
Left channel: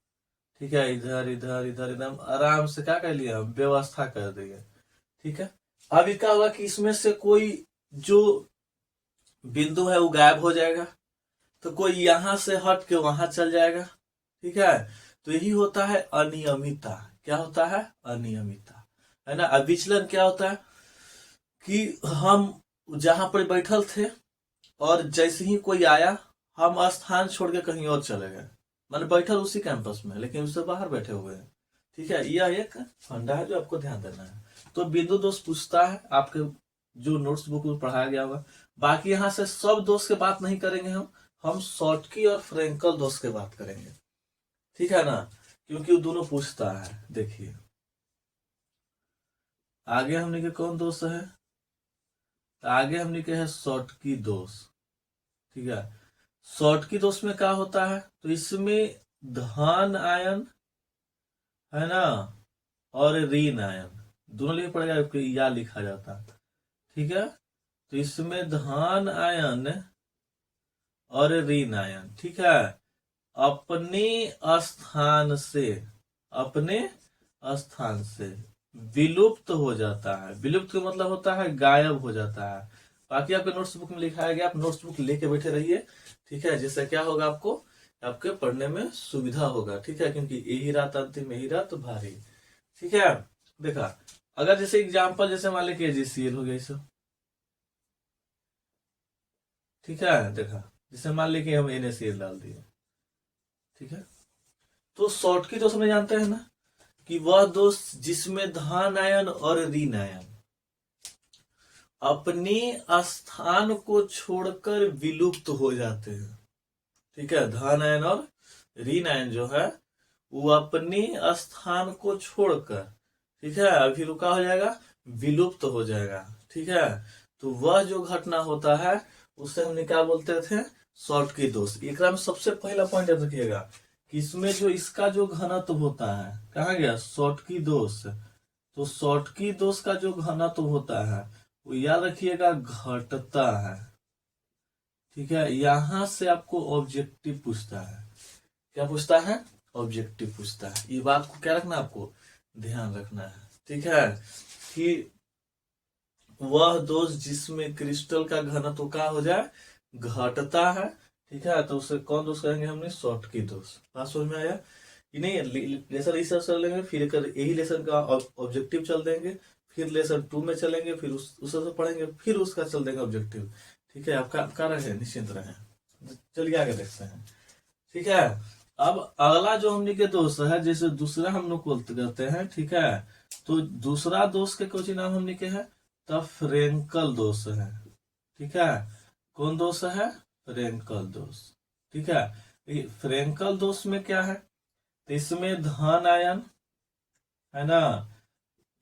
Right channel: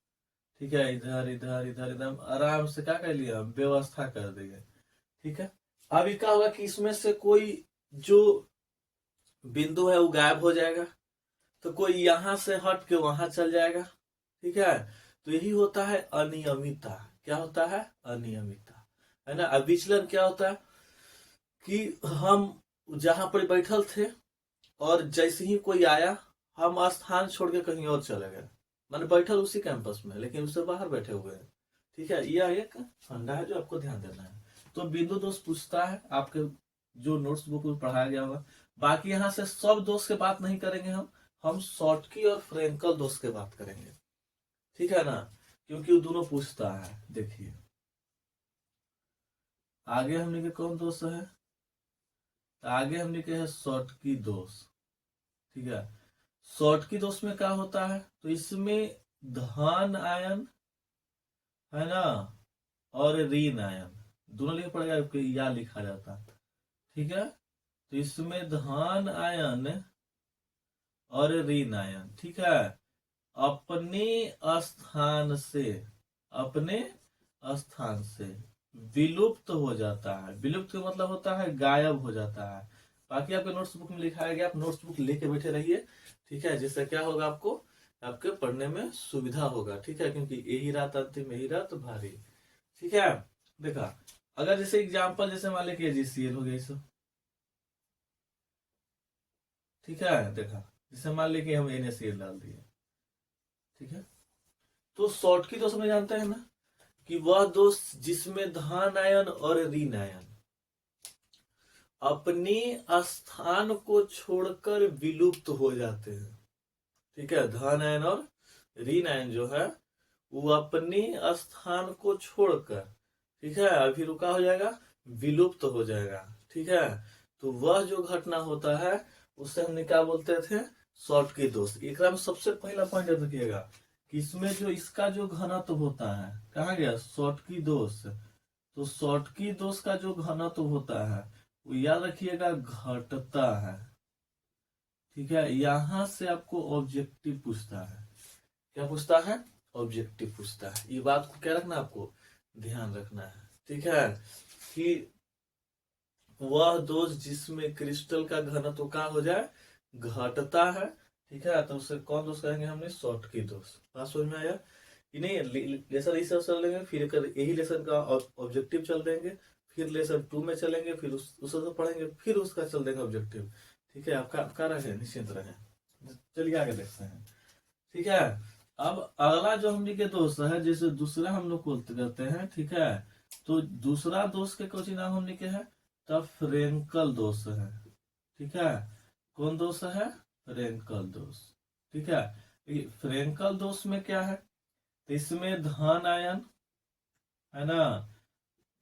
ठीक है, इधर इधर इधर एकदम आराम से क्या कर लिया, हम व्यवस्था कर दिए, ठीक है। अभी क्या होगा कि इसमें से कोई जो बिंदु है वो गायब हो जाएगा, तो कोई यहां से हट के वहां चल जाएगा, ठीक है। तो यही होता है अनियमितता। क्या होता है? अनियमितता, है ना। अब विचलन क्या होता है कि हम जहां पर बैठल थे और जैसे ही कोई आया हम स्थान छोड़ के कहीं और चले गए, माने बैठल उसी कैंपस में लेकिन उससे बाहर बैठे हुए हैं, ठीक है। यह एक फंडा है जो आपको ध्यान देना है। तो बिंदु दोष पूछता है आपके जो नोट्स बुक में पढ़ाया गया हुआ। बाकी यहाँ से सब दोष की बात नहीं करेंगे, हम शॉर्टकी और फ्रेंकल दोष की बात करेंगे, ठीक है ना, क्योंकि वो दोनों पूछता है। देखिए आगे हमने के कौन दोष है, आगे हमने के है शॉर्टकी दोष, ठीक है। शॉर्टकी दोष में क्या होता है, तो इसमें धन आयन, है ना, और ऋण आयन दोनों लिख पड़ेगा, या लिखा जाता, ठीक है। तो इसमें धन आयन और ऋण आयन, ठीक है, अपने स्थान से, अपने स्थान से विलुप्त हो जाता है। विलुप्त का मतलब होता है गायब हो जाता है। बाकी आपके नोट्स बुक में लिखाया गया, आप नोट्स बुक लेके बैठे रहिए, ठीक है, जिससे क्या होगा, आपको आपके पढ़ने में सुविधा होगा, ठीक है, क्योंकि यही रात अंतिम, यही रात भारी, ठीक है। देखा, अगर जैसे एग्जाम्पल जैसे मान लीजिए KGCL हो गया सब, ठीक है, देखा, जैसे मान लीजिए हम NaCl डाल दिए, ठीक है। तो शॉर्ट की दोष में जानते हैं ना कि वह दोष जिसमें धन आयन और ऋण आयन अपने स्थान को छोड़कर विलुप्त हो जाते हैं, ठीक है। धन आयन और ऋण आयन जो है वो अपने स्थान को छोड़कर, ठीक है, अभी रुका हो जाएगा, विलुप्त हो जाएगा, ठीक है। तो वह जो घटना होता है उसे हम क्या बोलते थे, शॉर्टकी दोष। एक में सबसे पहला पॉइंट याद रखिएगा कि इसमें जो इसका जो घनत्व होता है, कहा गया शॉर्टकी दोष, तो शॉर्टकी दोष का जो घनत्व होता है वो याद रखिएगा घटता है, ठीक है। यहां से आपको ऑब्जेक्टिव पूछता है, क्या पूछता है, ऑब्जेक्टिव पूछता है। ये बात को क्या रखना, आपको ध्यान रखना है, ठीक है, कि वह दोष जिसमें क्रिस्टल का घनत्व का हो जाए, घटता है, ठीक है, तो उसे कौन दोष कहेंगे हमने, शॉर्टकी दोष। बात समझ में आया कि नहीं? लेसन इस चल लेंगे, फिर यही लेसन का ऑब्जेक्टिव चल देंगे, फिर लेसन 2 में चलेंगे, फिर उससे पढ़ेंगे, फिर उसका चल देंगे ऑब्जेक्टिव, ठीक है। आपका रहे, निश्चिंत रहे। चलिए आगे देखते हैं, ठीक है। अब अगला जो हमने के दोष है, जैसे दूसरा हम लोग कहते हैं, ठीक है, तो दूसरा दोष के कुछ नाम हमने के है, तब फ्रेंकल दोष है, ठीक है। कौन दोष है, फ्रेंकल दोष, ठीक है। फ्रेंकल दोष में क्या है, तो इसमें धन आयन, है ना,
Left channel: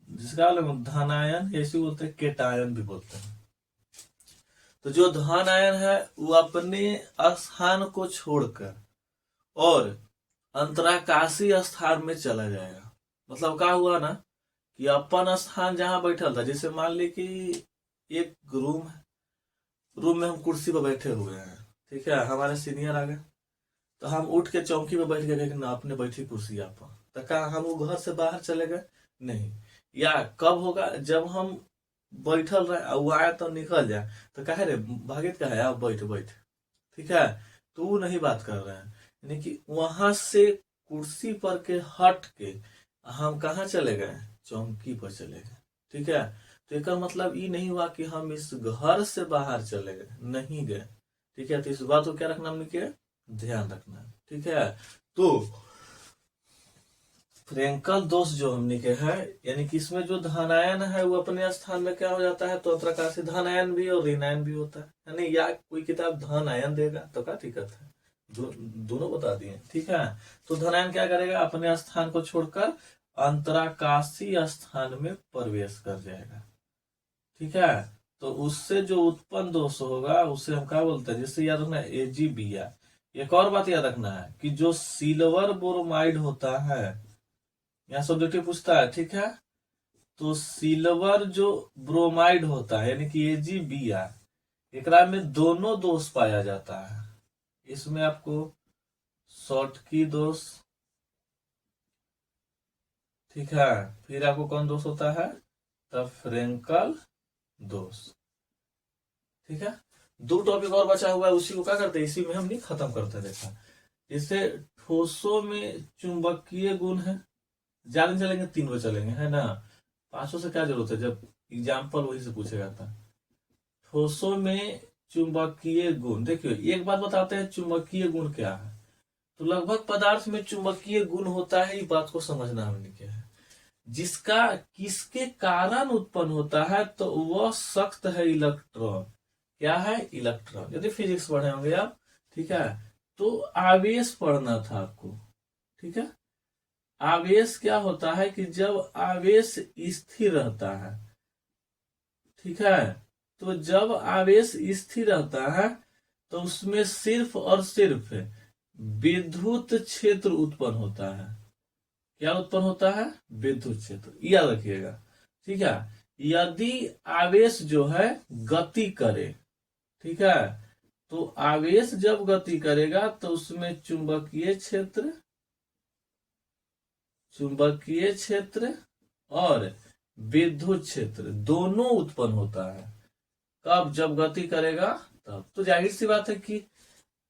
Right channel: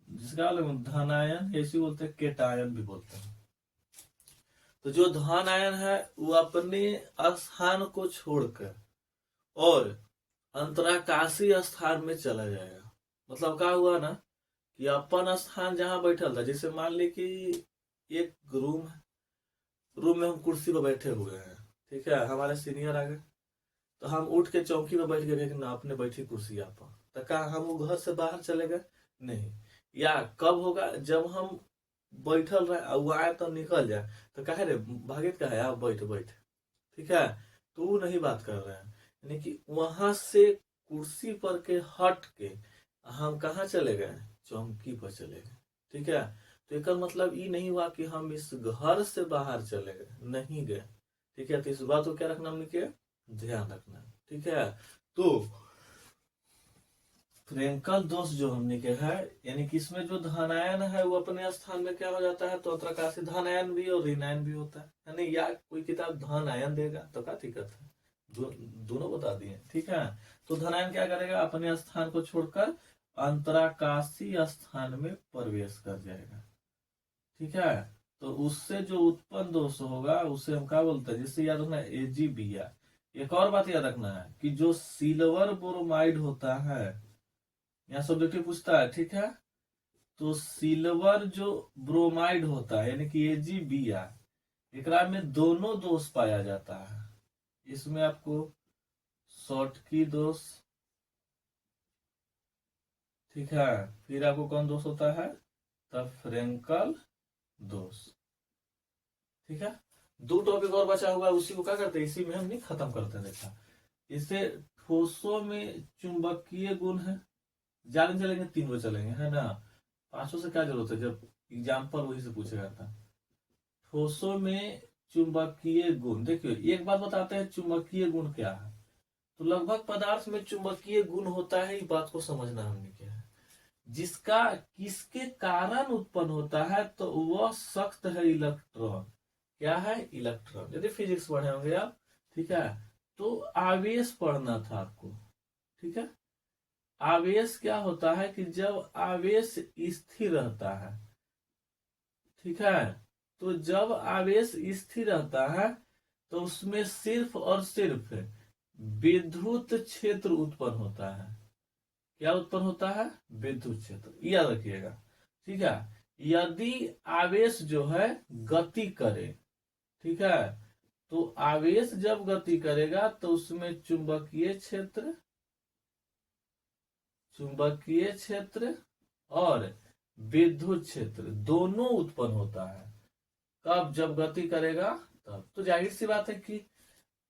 जिसका धन आयन ऐसे बोलते हैं, केटायन भी बोलते हैं। तो जो धन आयन है वो अपने स्थान को छोड़कर और अंतराकाशी स्थान में चला जाएगा। मतलब क्या हुआ ना कि अपन स्थान जहां बैठल था, जैसे मान ली कि एक रूम है, रूम में हम कुर्सी पर बैठे हुए हैं, ठीक है, हमारे सीनियर आ गए, तो हम उठ के चौकी पर बैठ गए, लेकिन आपने बैठी कुर्सी पर, तो क्या हम वो घर से बाहर चले गए? नहीं। या कब होगा, जब हम बैठल रहे, वो आया तो निकल जाए, तो कहे रे भागित का है, आप बैठ बैठ, ठीक है, तो वो नहीं बात कर रहे हैं, यानी कि वहां से कुर्सी पर के हट के हम कहा चले गए, चौकी पर चले गए, ठीक है। तो एक मतलब ये नहीं हुआ कि हम इस घर से बाहर चले गए, नहीं गए, ठीक है। तो इस बात को क्या रखना, हमने के ध्यान रखना है, ठीक है। तो फ्रेंकल दोष जो हमने के है, यानी कि इसमें जो धनायन है वो अपने स्थान में क्या हो जाता है, तो प्रकार से धनायन भी और ऋणायन भी होता है, यानी या कोई किताब धनायन देगा तो क्या दिक्कत है, दोनों बता दिए, ठीक है। तो धनायन क्या करेगा, अपने स्थान को छोड़कर अंतराकाशीय स्थान में प्रवेश कर जाएगा, ठीक है। तो उससे जो उत्पन्न दोष होगा उसे हम क्या बोलते हैं, जिससे याद रखना है AgBr। एक और बात याद रखना है कि जो सिल्वर बोरोमाइड होता है, यहाँ सब्जेक्टिव पूछता है, ठीक है। तो सिल्वर जो ब्रोमाइड होता है यानी कि AgBr, एकरा में दोनों दोष पाया जाता है। इसमें आपको शॉर्टकी दोष, ठीक है, फिर आपको कौन दोष होता है, द फ्रेंकल दोष, ठीक है। दो टॉपिक और बचा हुआ है, उसी को क्या करते हैं, इसी में हम नहीं खत्म करते हैं। देखा, इससे ठोसों में चुंबकीय गुण है, ज्यादा चलेंगे 3 को चलेंगे, है ना। 5 से क्या जरूरत है, जब एग्जाम्पल वही से पूछेगा था। ठोसों में चुंबकीय गुण, देखिए एक बात बताते हैं, चुंबकीय गुण क्या है। तो लगभग पदार्थ में चुंबकीय गुण होता है, ये बात को समझना हमने क्या है, जिसका किसके कारण उत्पन्न होता है, तो वह सख्त है इलेक्ट्रॉन। क्या है, इलेक्ट्रॉन। यदि फिजिक्स पढ़े होंगे आप, ठीक है, तो आवेश पढ़ना था आपको, ठीक है। आवेश क्या होता है कि जब आवेश स्थिर रहता है, ठीक है, तो जब आवेश स्थिर रहता है तो उसमें सिर्फ और सिर्फ विद्युत क्षेत्र उत्पन्न होता है। क्या उत्पन्न होता है, विद्युत क्षेत्र, याद रखिएगा, ठीक है। यदि आवेश जो है गति करे, ठीक है, तो आवेश जब गति करेगा तो उसमें चुंबकीय क्षेत्र और विद्युत क्षेत्र दोनों उत्पन्न होता है। कब, जब गति करेगा तब। तो जाहिर सी बात है कि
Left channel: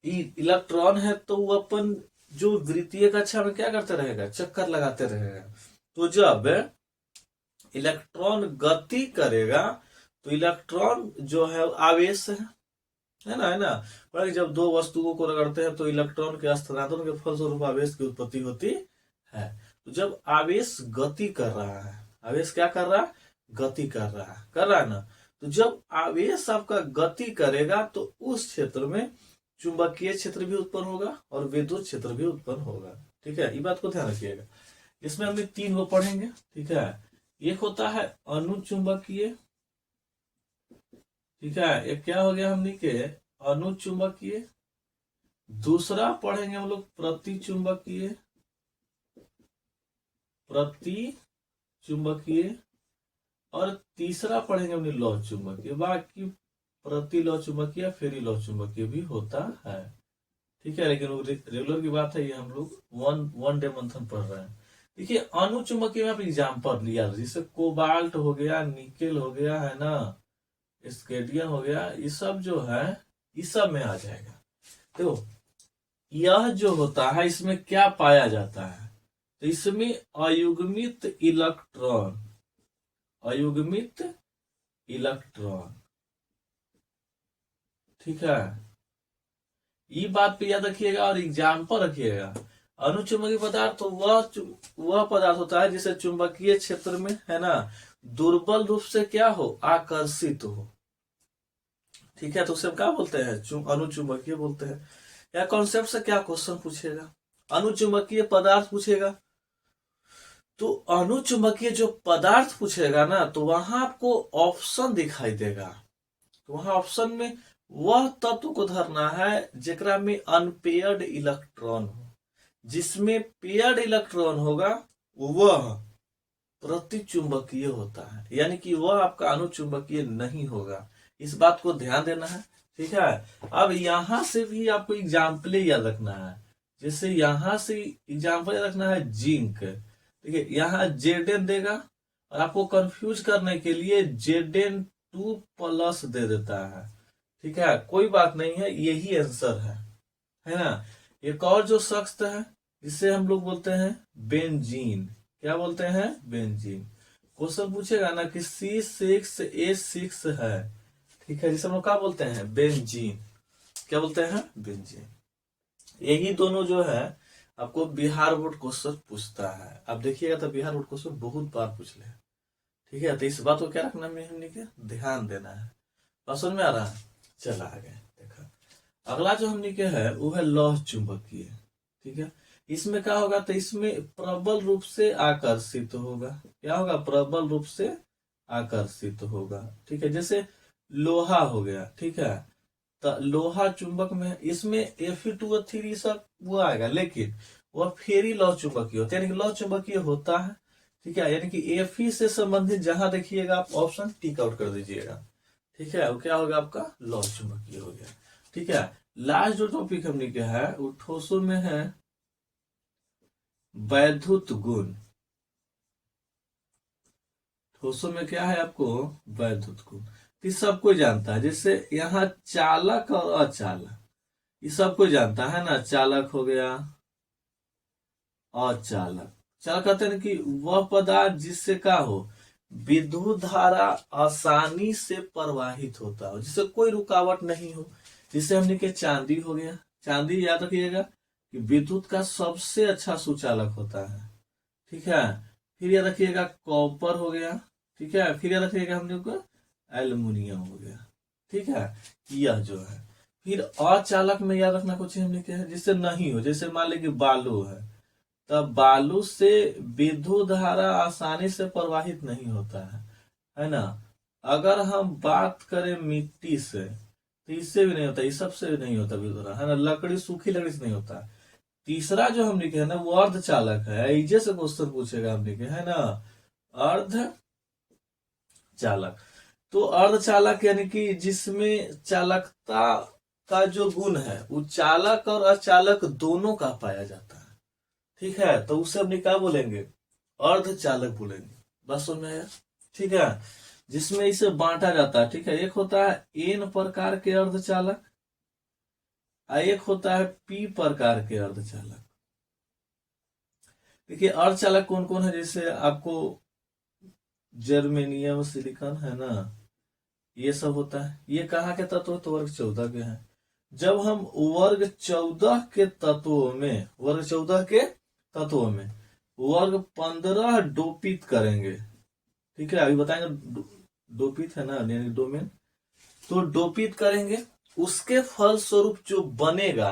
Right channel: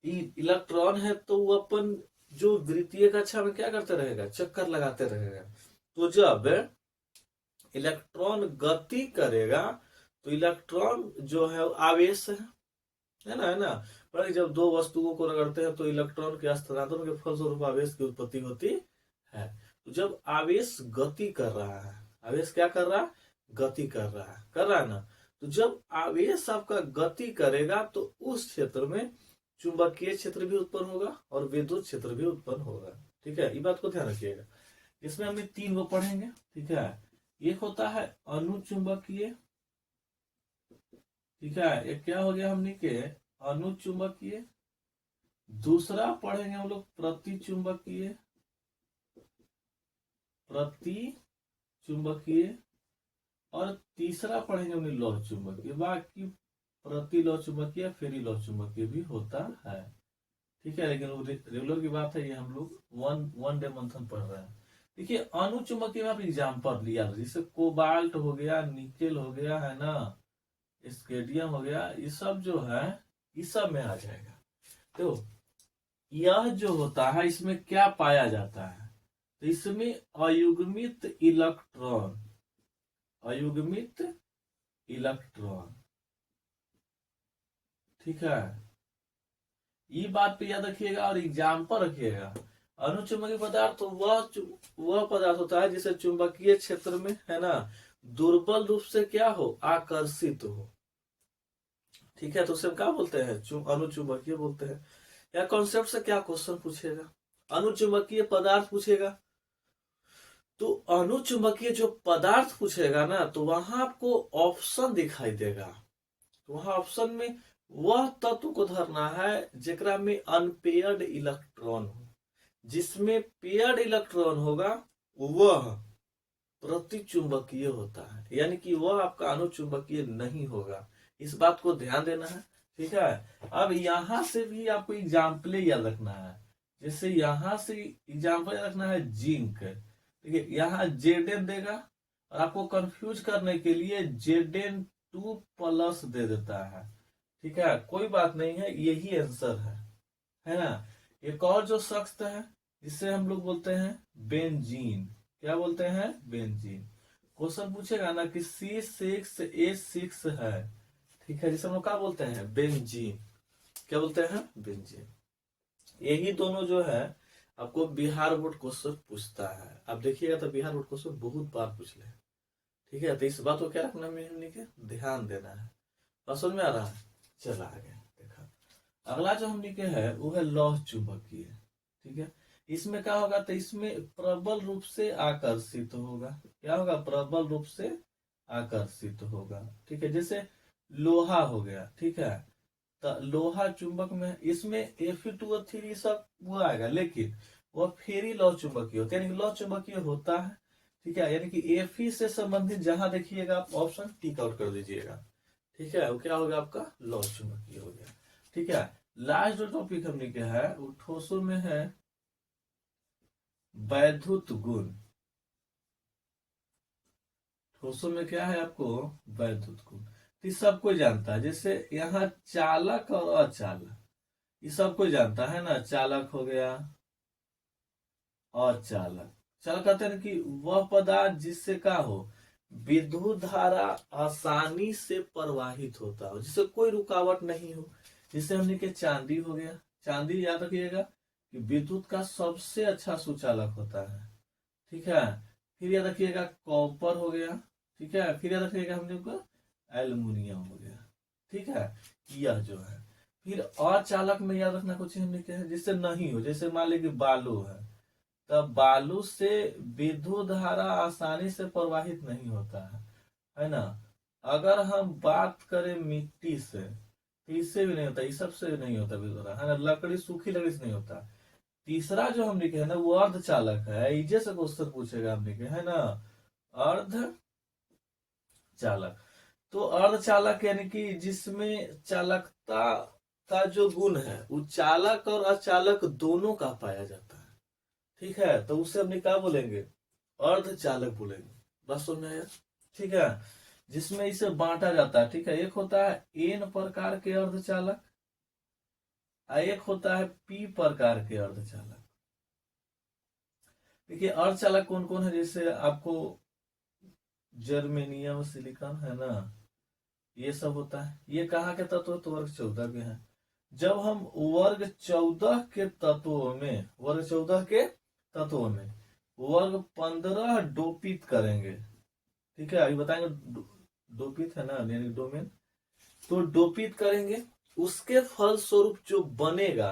इलेक्ट्रॉन है तो वो अपन जो वृत्तीय कक्षा में क्या करते रहेगा, चक्कर लगाते रहेगा। तो जब इलेक्ट्रॉन गति करेगा तो इलेक्ट्रॉन जो है आवेश है ना, है ना। पर जब दो वस्तुओं को रगड़ते हैं तो इलेक्ट्रॉन के स्थानांतरण के फलस्वरूप आवेश की उत्पत्ति होती है। तो जब आवेश गति कर रहा है, आवेश क्या कर रहा है, गति कर रहा है ना। तो जब आवेश आपका गति करेगा तो उस क्षेत्र में चुंबकीय क्षेत्र भी उत्पन्न होगा और विद्युत क्षेत्र भी उत्पन्न होगा, ठीक है। ये बात को ध्यान रखिएगा। इसमें हम 3 को पढ़ेंगे, ठीक है। एक होता है अनुचुंबकीय, ठीक है, एक क्या हो गया हमने के अनुचुंबकीय। दूसरा पढ़ेंगे हम लोग प्रतिचुंबकीय, और तीसरा पढ़ेंगे हमने लौ चुंबकीय। बाकी प्रति लौ चुंबकीय, फेरी लौ चुंबकीय भी होता है, ठीक है। लेकिन रेगुलर की बात है, ये हम लोग वन डे मंथन पढ़ रहे हैं। देखिए अनुचुंबकीय में आप एग्जाम्पल लिया, जैसे कोबाल्ट हो गया, निकेल हो गया, है ना, स्केडियम हो गया, ये सब जो है इस सब में आ जाएगा। तो यह जो होता है इसमें क्या पाया जाता है, तो इसमें अयुग्मित इलेक्ट्रॉन, ठीक है। ये बात पे याद रखिएगा और एग्जाम्पल रखिएगा। अनुचुंबकीय पदार्थ तो वह पदार्थ होता है जिसे चुंबकीय क्षेत्र में, है ना, दुर्बल रूप से क्या हो, आकर्षित हो, ठीक है। तो उसे हम क्या बोलते हैं, अनुचुंबकीय बोलते हैं। या कॉन्सेप्ट से क्या क्वेश्चन पूछेगा, अनुचुंबकीय पदार्थ पूछेगा, तो अनुचुंबकीय जो पदार्थ पूछेगा ना, तो वहां आपको ऑप्शन दिखाई देगा। तो वहां ऑप्शन में वह तत्व को धरना है जेकरा में अनपेयर्ड इलेक्ट्रॉन हो। जिसमें पेयर्ड इलेक्ट्रॉन होगा वह प्रतिचुंबकीय होता है, यानी कि वह आपका अनुचुंबकीय नहीं होगा। इस बात को ध्यान देना है, ठीक है। अब यहां से भी आपको एग्जाम्पल याद रखना है। जैसे यहां से एग्जाम्पल याद रखना है जिंक, ठीक है, यहाँ जेडेन देगा और आपको कंफ्यूज करने के लिए Zn2+ दे देता है, ठीक है। कोई बात नहीं है, यही आंसर है ना। एक और जो सख्त है इसे हम लोग बोलते हैं बेंजीन। क्या बोलते हैं, बेंजीन। क्वेश्चन पूछेगा ना कि C6H6 है, ठीक है, जिसे हम लोग क्या बोलते हैं, बेंजीन। क्या बोलते हैं, बेंजीन। यही दोनों जो है आपको बिहार बोर्ड क्वेश्चन पूछता है। अब देखिएगा तो बिहार बोर्ड क्वेश्चन बहुत बार पूछ ले, ठीक है। तो इस बात को क्या रखना है, ध्यान देना है। समझ में आ रहा है, चला आगे देखा। अगला जो हमने क्या है वो है लौह चुंबकीय। ठीक है, इसमें क्या होगा, तो इसमें प्रबल रूप से आकर्षित होगा। क्या होगा, प्रबल रूप से आकर्षित होगा। ठीक है, जैसे लोहा हो गया। ठीक है, तो लोहा चुंबक में इसमें Fe2O3 सब वो आएगा, लेकिन वह फेरी लौह चुंबकीय होता है, यानी कि लौह चुंबकीय होता है। ठीक है, यानी कि Fe से संबंधित जहां देखिएगा आप ऑप्शन टिक आउट कर दीजिएगा। ठीक है, वो क्या होगा आपका लौह चुंबकीय हो गया। ठीक है, लास्ट जो टॉपिक हमने क्या है वो ठोसों में है वैद्युत गुण। ठोसों में क्या है आपको वैद्युत गुण, ये सब कोई जानता है। जैसे यहाँ चालक और अचालक, ये सब कोई जानता है ना। चालक हो गया, अचालक। चालक कहते हैं कि वह पदार्थ जिससे क्या हो, विद्युत धारा आसानी से प्रवाहित होता हो, जिससे कोई रुकावट नहीं हो। जिससे हमने के चांदी हो गया। चांदी याद रखिएगा कि विद्युत का सबसे अच्छा सुचालक होता है। ठीक है, फिर याद रखिएगा कॉपर हो गया। ठीक है, फिर याद रखिएगा हम लोग को एल्युमिनियम हो गया। ठीक है, यह जो है फिर अचालक में याद रखना कुछ हमने क्या है जिससे नहीं हो। जैसे मान लीजिए बालू है, तब बालू से विद्युत धारा आसानी से प्रवाहित नहीं होता है ना। अगर हम बात करें मिट्टी से, तो इससे भी नहीं होता, इस सबसे भी नहीं होता विद्युत धारा, है ना। लकड़ी, सूखी लकड़ी से नहीं होता। तीसरा जो हम लिखे है ना वो अर्धचालक है। इजे से क्वेश्चन पूछेगा हम लिखे है ना, अर्ध चालक। तो अर्धचालक यानी कि जिसमें चालकता का जो गुण है वो चालक और अचालक दोनों का पाया जाता है। ठीक है, तो उसे हम क्या बोलेंगे, अर्धचालक बोलेंगे। बस समझ में आया। ठीक है, जिसमें इसे बांटा जाता है। ठीक है, एक होता है एन प्रकार के अर्धचालक, एक होता है पी प्रकार के अर्धचालक। देखिए अर्धचालक कौन कौन है, जैसे आपको जर्मेनियम, सिलिकॉन है ना, ये सब होता है। ये कहाँ के तत्व है, तो वर्ग 14 के हैं। जब हम वर्ग 14 के तत्वों में, वर्ग 14 के तत्वों में वर्ग 15 डोपित करेंगे। ठीक है, अभी बताएंगे डोपित है ना, यानी डोमेन। तो डोपित करेंगे, उसके फल स्वरूप जो बनेगा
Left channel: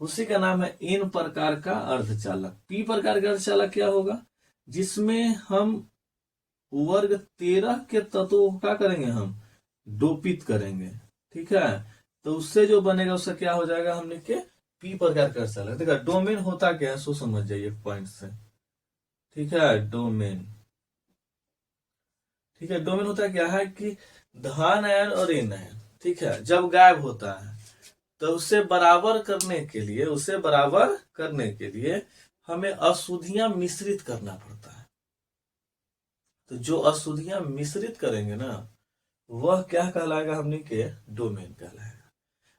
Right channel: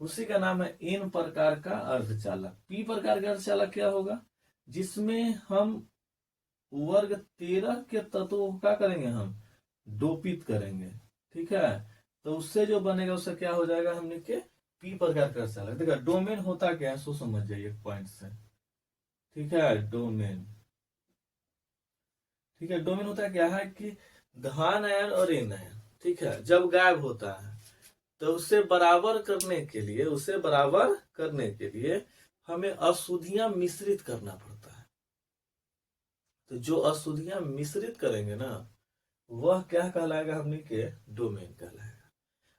उसी का नाम है एन प्रकार का अर्धचालक। पी प्रकार का अर्धचालक क्या होगा, जिसमें हम वर्ग 13 के तत्वों का करेंगे, हम डोपित करेंगे। ठीक है, तो उससे जो बनेगा उससे क्या हो जाएगा, हमने के पी प्रकार का अर्धचालक। देखा डोमेन होता क्या है, सो समझ जाइए पॉइंट से। ठीक है, डोमेन। ठीक है, डोमेन होता क्या है कि धन आयन और ऋण आयन, ठीक है, जब गायब होता है तो उसे बराबर करने के लिए, उसे बराबर करने के लिए हमें अशुद्धियां मिश्रित करना पड़ता है। तो जो अशुद्धियां मिश्रित करेंगे ना वह क्या कहलाएगा, हमने के डोमेन कहलाएगा।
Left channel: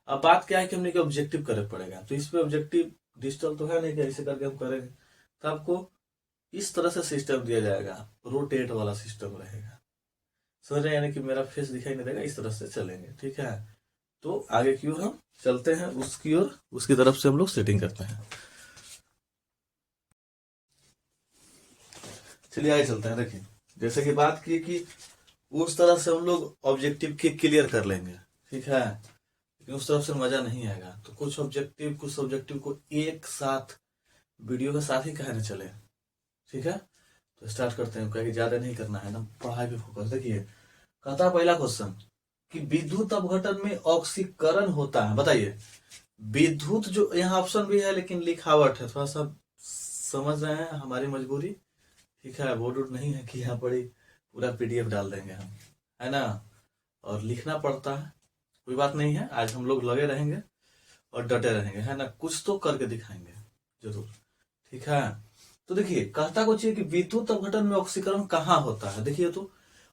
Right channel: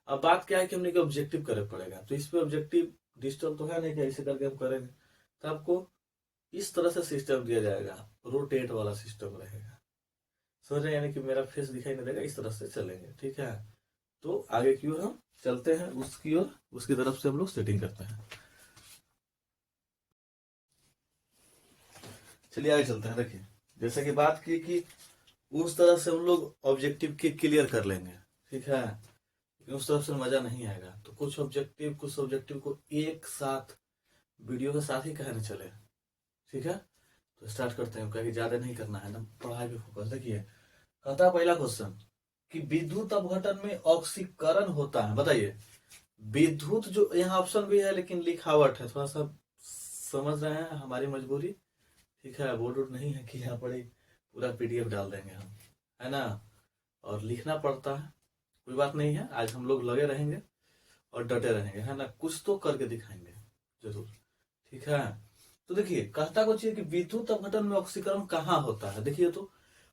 अब बात क्या है कि हमने के ऑब्जेक्टिव करे पड़ेगा, तो इस पे ऑब्जेक्टिव डिजिटल तो है नहीं कि ऐसे करके हम करेंगे। तो आपको इस तरह से सिस्टम दिया जाएगा, रोटेट वाला सिस्टम रहेगा। समझ रहे हैं, यानी कि मेरा फेस दिखाई नहीं देगा, इस तरह से चलेंगे। ठीक है, तो आगे की ओर हम चलते हैं, उसकी ओर, उसकी तरफ से हम लोग सेटिंग करते हैं। चलिए आगे चलते हैं। देखिए जैसे कि बात की कि उस तरह से हम लोग ऑब्जेक्टिव के क्लियर कर लेंगे। ठीक है, लेकिन उस तरफ से मजा नहीं आएगा। तो कुछ ऑब्जेक्टिव को एक साथ वीडियो के साथ ही कहने चले। ठीक है, तो स्टार्ट करते हैं, क्योंकि ज्यादा नहीं करना है ना, पढ़ाई पे फोकस। देखिए कहता पहला क्वेश्चन कि विद्युत अपघटन में ऑक्सीकरण होता है। बताइए विद्युत, जो यहाँ ऑप्शन भी है लेकिन लिखावट है, थोड़ा सा समझ रहे हैं हमारी मजबूरी। ठीक है, बोर्ड वोर्ड नहीं है कि यहाँ पढ़ी, पूरा पीडीएफ डाल देंगे हम, है ना, और लिखना पड़ता है। कोई बात नहीं है, आज हम लोग लगे रहेंगे और डटे रहेंगे, है ना, कुछ तो करके दिखाएंगे जरूर। ठीक है, तो देखिए कहता कुछ है कि विद्युत अपघटन में ऑक्सीकरण कहाँ होता है। देखिए तो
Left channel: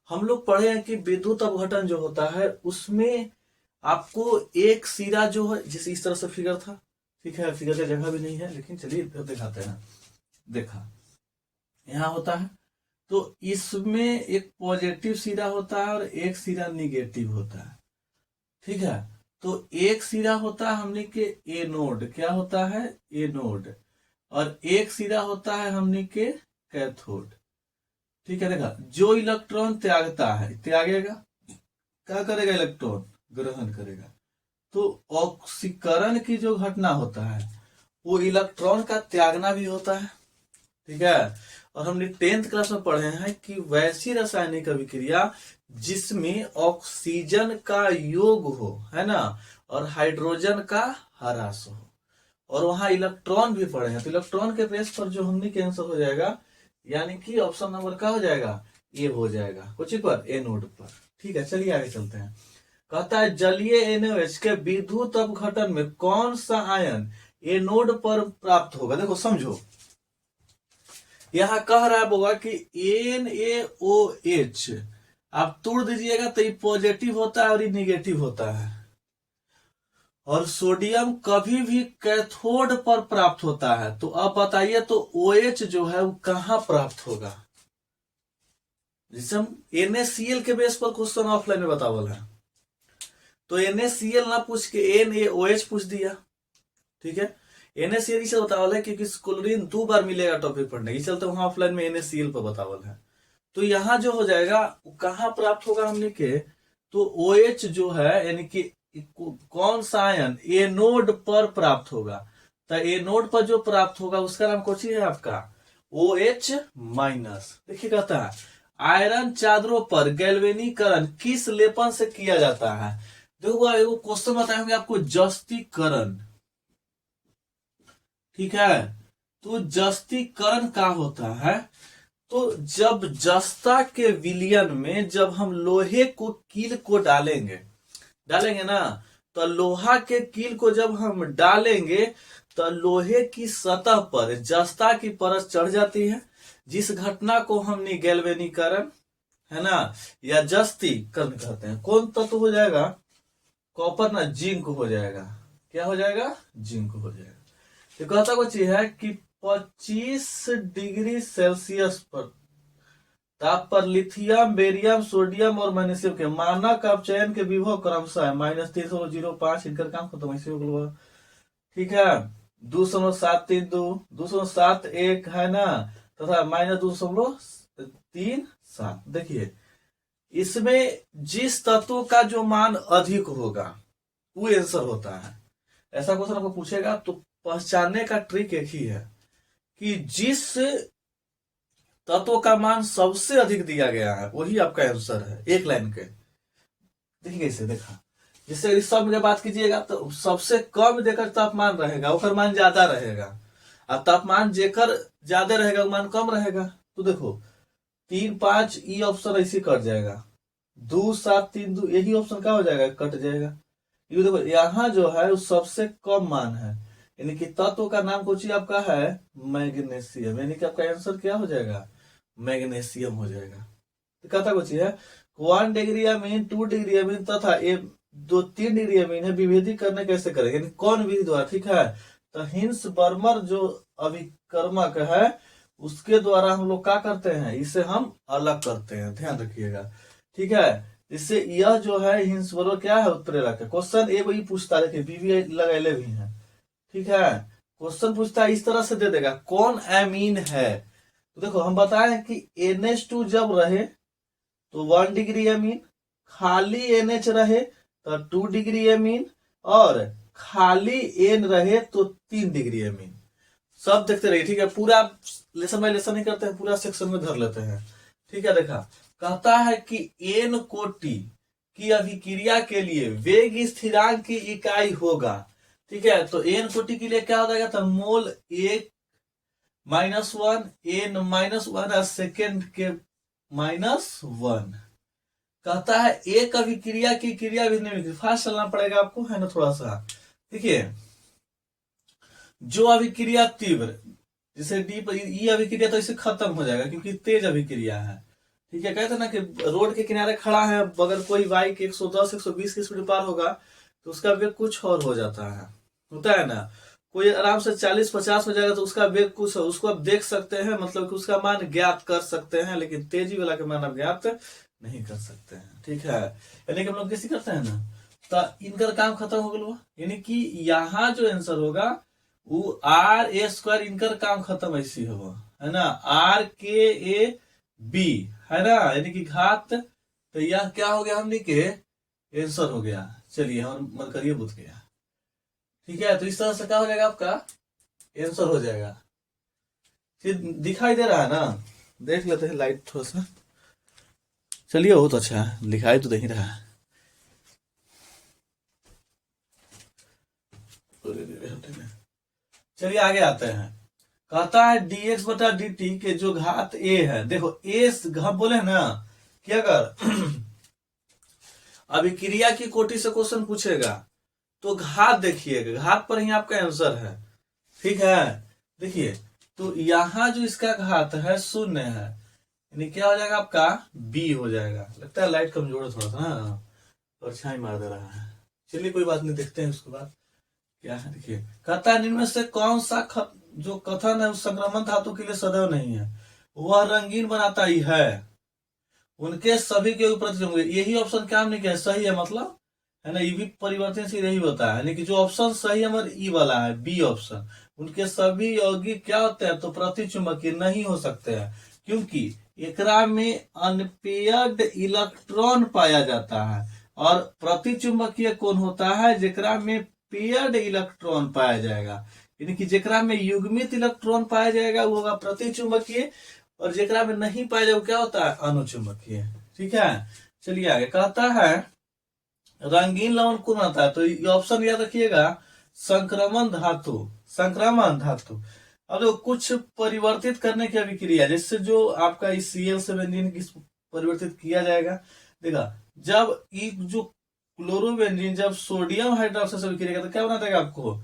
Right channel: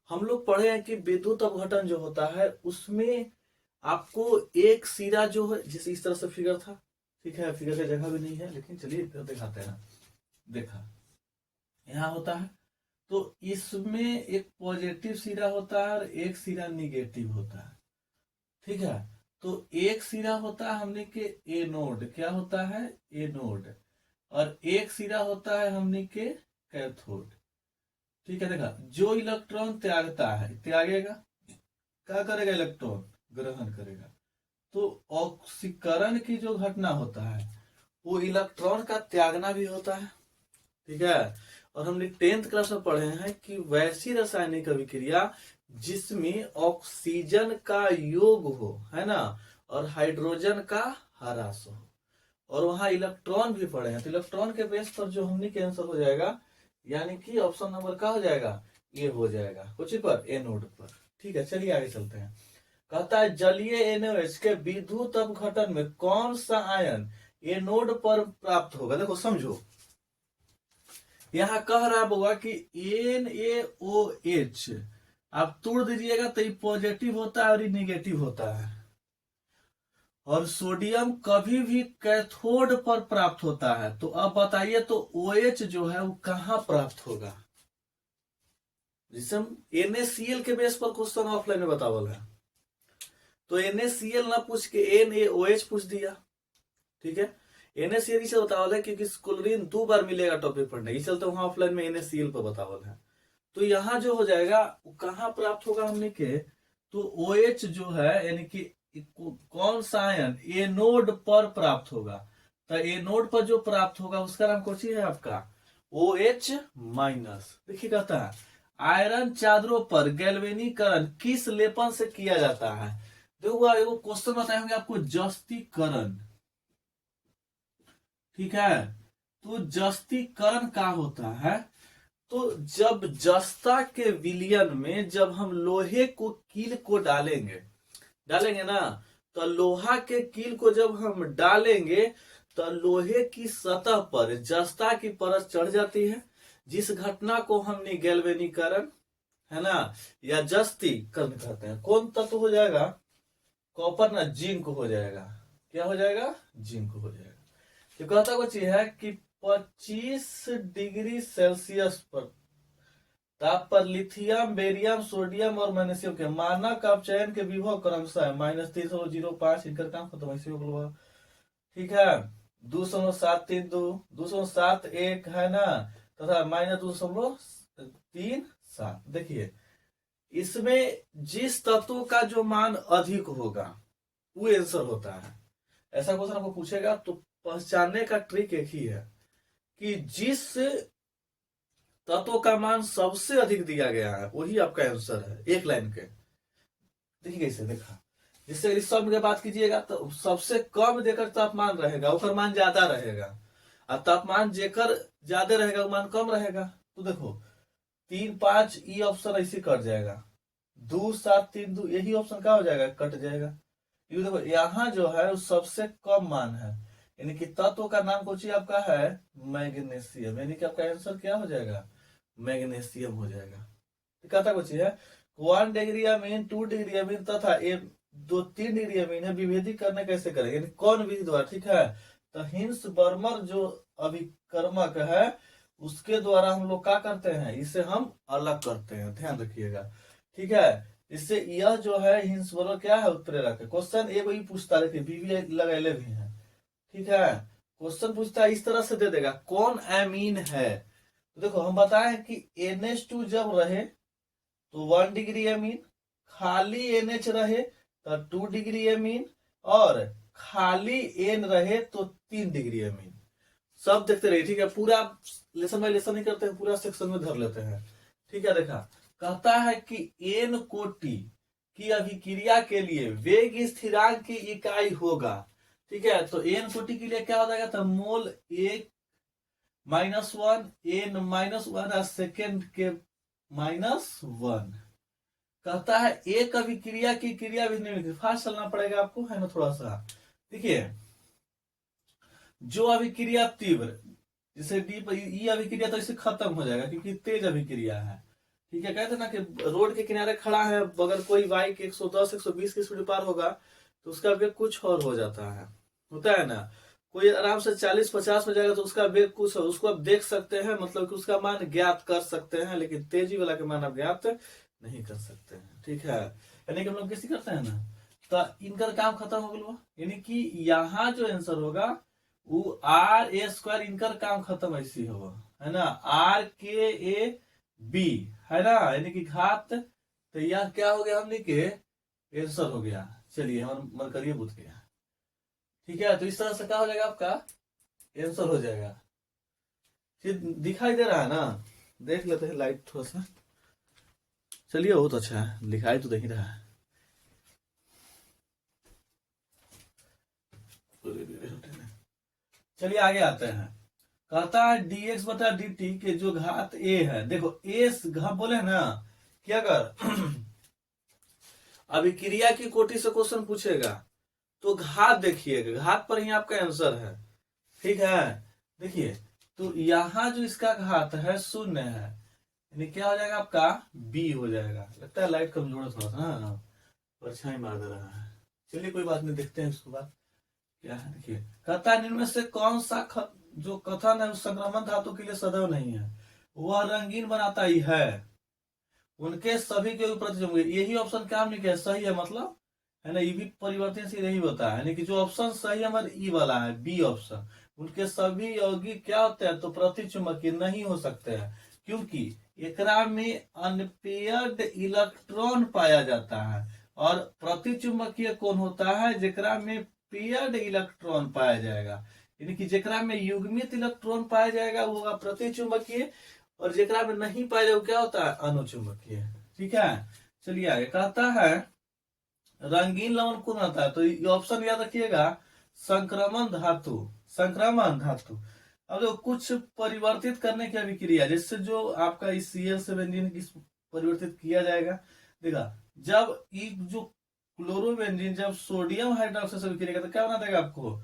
हम लोग पढ़े हैं कि विद्युत अपघटन जो होता है उसमें आपको एक सिरा जो है, जैसे इस तरह से फिगर था। ठीक है, फिगर की जगह भी नहीं है, लेकिन चलिए फिर दिखाते हैं। देखा यहाँ होता है, तो इसमें एक पॉजिटिव सिरा होता है और एक सिरा निगेटिव होता है। ठीक है, तो एक सिरा होता है हमने के ए नोड, क्या होता है ए नोड, और एक सिरा होता है हमने के कैथोड। ठीक है, देखा जो इलेक्ट्रॉन त्यागता है, त्यागेगा, क्या करेगा, इलेक्ट्रॉन ग्रहण करेगा। तो ऑक्सीकरण की जो घटना होता है वो इलेक्ट्रॉन का त्यागना भी होता है, ठीक है। और हमने 10th क्लास में पढ़े हैं कि वैसी रासायनिक अभिक्रिया जिसमें ऑक्सीजन का योग हो, है ना, और हाइड्रोजन का ह्रास हो, और वहां इलेक्ट्रॉन भी पड़े हैं, तो इलेक्ट्रॉन के बेस पर जो हमने के आंसर हो जाएगा, यानी कि ऑप्शन नंबर का हो जाएगा, ए हो जाएगा, कुछ पर ए नोड पर। ठीक है, चलिए आगे चलते हैं। कहता है जलीय NaOH के विद्युत अपघटन में कौन सा आयन ए नोड पर प्राप्त होगा। देखो समझो, यहां कह रहा होगा कि NaOH आप तोड़ दीजिएगा तो ये पॉजिटिव होता है और ये निगेटिव होता है, और सोडियम कभी भी कैथोड पर प्राप्त होता है। तो अब बताइए, तो OH जो है वो कहां प्राप्त होगा। जिसे हम NaCl के बेस पर क्वेश्चन ऑफलाइन में बतावल है, तो NaCl ना पूछ के NaOH पूछ दिया, ठीक है। NaCl इसे बतावल है क्योंकि क्लोरीन 2 बार मिलेगा टॉपिक पढ़ने, इस चलते वहां ऑफलाइन में NaCl पर बतावल है। तो यहाँ जो हो जाएगा कहां प्राप्त होगा हमने के, तो OH जो है यानी कि कौन सा आयन ए नोड पर प्राप्त होगा। तो ए नोड पर जो प्राप्त होगा उसका नाम कौन सी है आपका, OH माइनस। देखिए कहता है आयरन चादरों पर गैल्वेनीकरण किस लेपन से किया जाता है। देखो एगो क्वेश्चन बताए होंगे आपको, जस्तीकरण, ठीक है। तो जस्तीकरण क्या होता है, तो जब जस्ता के विलयन में जब हम लोहे को कील को डालेंगे ना, तो लोहा के कील को जब हम डालेंगे तो लोहे की सतह पर जस्ता की परत चढ़ जाती है, जिस घटना को हमने गैल्वेनीकरण, है ना, या जस्तीकरण कहते हैं। कौन तत्व हो जाएगा, कॉपर ना, जिंक हो जाएगा। क्या हो जाएगा, जिंक हो जाएगा। तो कहता कुछ है कि 25 डिग्री सेल्सियस पर ताप पर लिथियम, बेरियम, सोडियम और मैग्नीशियम के मानक अपचयन के विभव क्रमशः है -305, इनका काम खत्म ऐसे हो गया, ठीक है। 2.732, 2.71 है ना, तथा -2.37। देखिए इसमें जिस तत्व का जो मान अधिक होगा वो आंसर होता है। ऐसा क्वेश्चन आपको पूछेगा तो पहचानने का ट्रिक एक ही है कि जिस तत्व का मान सबसे अधिक दिया गया है वही आपका आंसर है, एक लाइन के। देखिए इसे देखा, जिससे इस सब में बात कीजिएगा तो सबसे कम देकर तापमान रहेगा उसका मान ज्यादा रहेगा, और तापमान जेकर ज्यादा रहेगा वो मान कम रहेगा। तो देखो 3, 5 ई ऑप्शन ऐसे कट जाएगा, 2, 7, 3, 2 यही ऑप्शन क्या हो जाएगा, कट जाएगा। ये देखो यहाँ जो है वो सबसे कम मान है, यानी कि तत्व का नाम कुछ आपका है मैग्नीशियम, यानी कि आपका आंसर क्या हो जाएगा, मैग्नीशियम हो जाएगा। तो कहता कुछ है 1 डिग्री अमीन, 2 डिग्री अमीन तथा 3 डिग्री अमीन है, विभेदी करने कैसे करेंगे, यानी कौन विधि द्वारा, ठीक है। तो हिंस बर्मर जो अभिकर्मक है उसके द्वारा हम लोग क्या करते हैं, इसे हम अलग करते हैं, ध्यान रखिएगा, ठीक है। इससे यह जो है हिंस बर्मर क्या है, उत्प्रेरक है। क्वेश्चन ए वही पूछता है, बीबी लगाए भी है, ठीक है। क्वेश्चन पूछता है इस तरह से दे देगा कौन एमीन है। तो देखो हम बताएं कि NH2 जब रहे तो 1 डिग्री एमीन, खाली NH रहे तो 2 डिग्री एमीन, और खाली N रहे तो 3 डिग्री एमीन। सब देखते रहिए, ठीक है। पूरा लेसन बाय लेसन नहीं करते हैं, पूरा सेक्शन में धर लेते हैं, ठीक है। देखा कहता है कि N कोटि की अभिक्रिया के लिए वेग स्थिरांक की इकाई होगा, ठीक है। तो N कोटि के लिए क्या हो जाएगा, तो मोल 1 -1 N -1 सेकेंड के -1। कहता है एक अभिक्रिया की क्रिया भी नहीं, फास्ट चलना पड़ेगा आपको, है ना थोड़ा सा। देखिए जो अभिक्रिया तीव्र, जैसे डी पर ई अभिक्रिया तो इसे खत्म हो जाएगा क्योंकि तेज अभिक्रिया है, ठीक है। कहते ना कि रोड के किनारे खड़ा है, अगर कोई बाइक 110 120 की स्पीड पार होगा तो उसका वेग कुछ और हो जाता है, होता है ना। कोई आराम से 40-50 में जाएगा तो उसका वेग कुछ, उसको आप देख सकते हैं, मतलब कि उसका मान ज्ञात कर सकते हैं, लेकिन तेजी वाला के मान आप ज्ञात नहीं कर सकते हैं, ठीक है। यानी कि हम लोग कैसे करते हैं ना, तो इनका काम खत्म हो गया, यानी कि यहाँ जो आंसर होगा वो R² इनका काम खत्म ऐसी होगा, है ना, RKAB, है ना, यानी कि घात। तो यह क्या हो गया हमने के आंसर हो गया। चलिए हम मत करिए बुध के यहाँ। ठीक है, तो इस तरह से क्या हो जाएगा आपका आंसर हो जाएगा। फिर दिखाई दे रहा है ना, देख लेते हैं लाइट थोड़ा सा। चलिए बहुत अच्छा है, दिखाई तो नहीं रहा है। चलिए आगे आते हैं। कहता है dx बटा dt के जो घात a है, देखो a हम बोले ना कि अगर अभिक्रिया की कोटि से क्वेश्चन पूछेगा तो घात देखिएगा, घात पर ही आपका आंसर है। ठीक है, देखिए तो यहां जो इसका घात है 0 है, यानी क्या हो जाएगा आपका b हो जाएगा। लगता है लाइट कमजोर है थोड़ा सा ना, परछाई मार दे रहा है। चलिए कोई बात नहीं, देखते हैं उसके बाद क्या है। देखिए कहता है निम्न में से कौन सा जो कथन है उस संक्रमण धातु के लिए सदैव नहीं है, वह रंगीन बनाता ही है, उनके सभी के ऊपर होंगे। यही ऑप्शन क्या हमने किया सही है, मतलब है ना, ये भी परिवर्तनशील यही होता है, यानी कि जो ऑप्शन सही हमारे ई वाला है, बी ऑप्शन, उनके सभी यौगिक क्या होते हैं तो प्रतिचुंबकीय नहीं हो सकते हैं, क्योंकि एकरा में अनपेयर्ड इलेक्ट्रॉन पाया जाता है। और प्रतिचुंबकीय कौन होता है, जेकरा में पेयर्ड इलेक्ट्रॉन पाया जाएगा, यानी कि जेकरा में युग्मित इलेक्ट्रॉन पाया जाएगा वो होगा प्रतिचुंबकीय, और जेकरा में नहीं पाया जाएगा क्या होता है अनुचुंबकीय। ठीक है, चलिए आगे कहता है रंगीन लवण कौन आता है, तो ये ऑप्शन याद रखिएगा संक्रमण धातु, संक्रमण धातु। अब देखो कुछ परिवर्तित करने की अभिक्रिया, जिससे जो आपका इस Cl से बेंजीन की परिवर्तित किया जाएगा। देखा जब ये जो क्लोरोबेंजीन जब सोडियम हाइड्रोक्साइड से अभिक्रिया तो क्या बना देगा आपको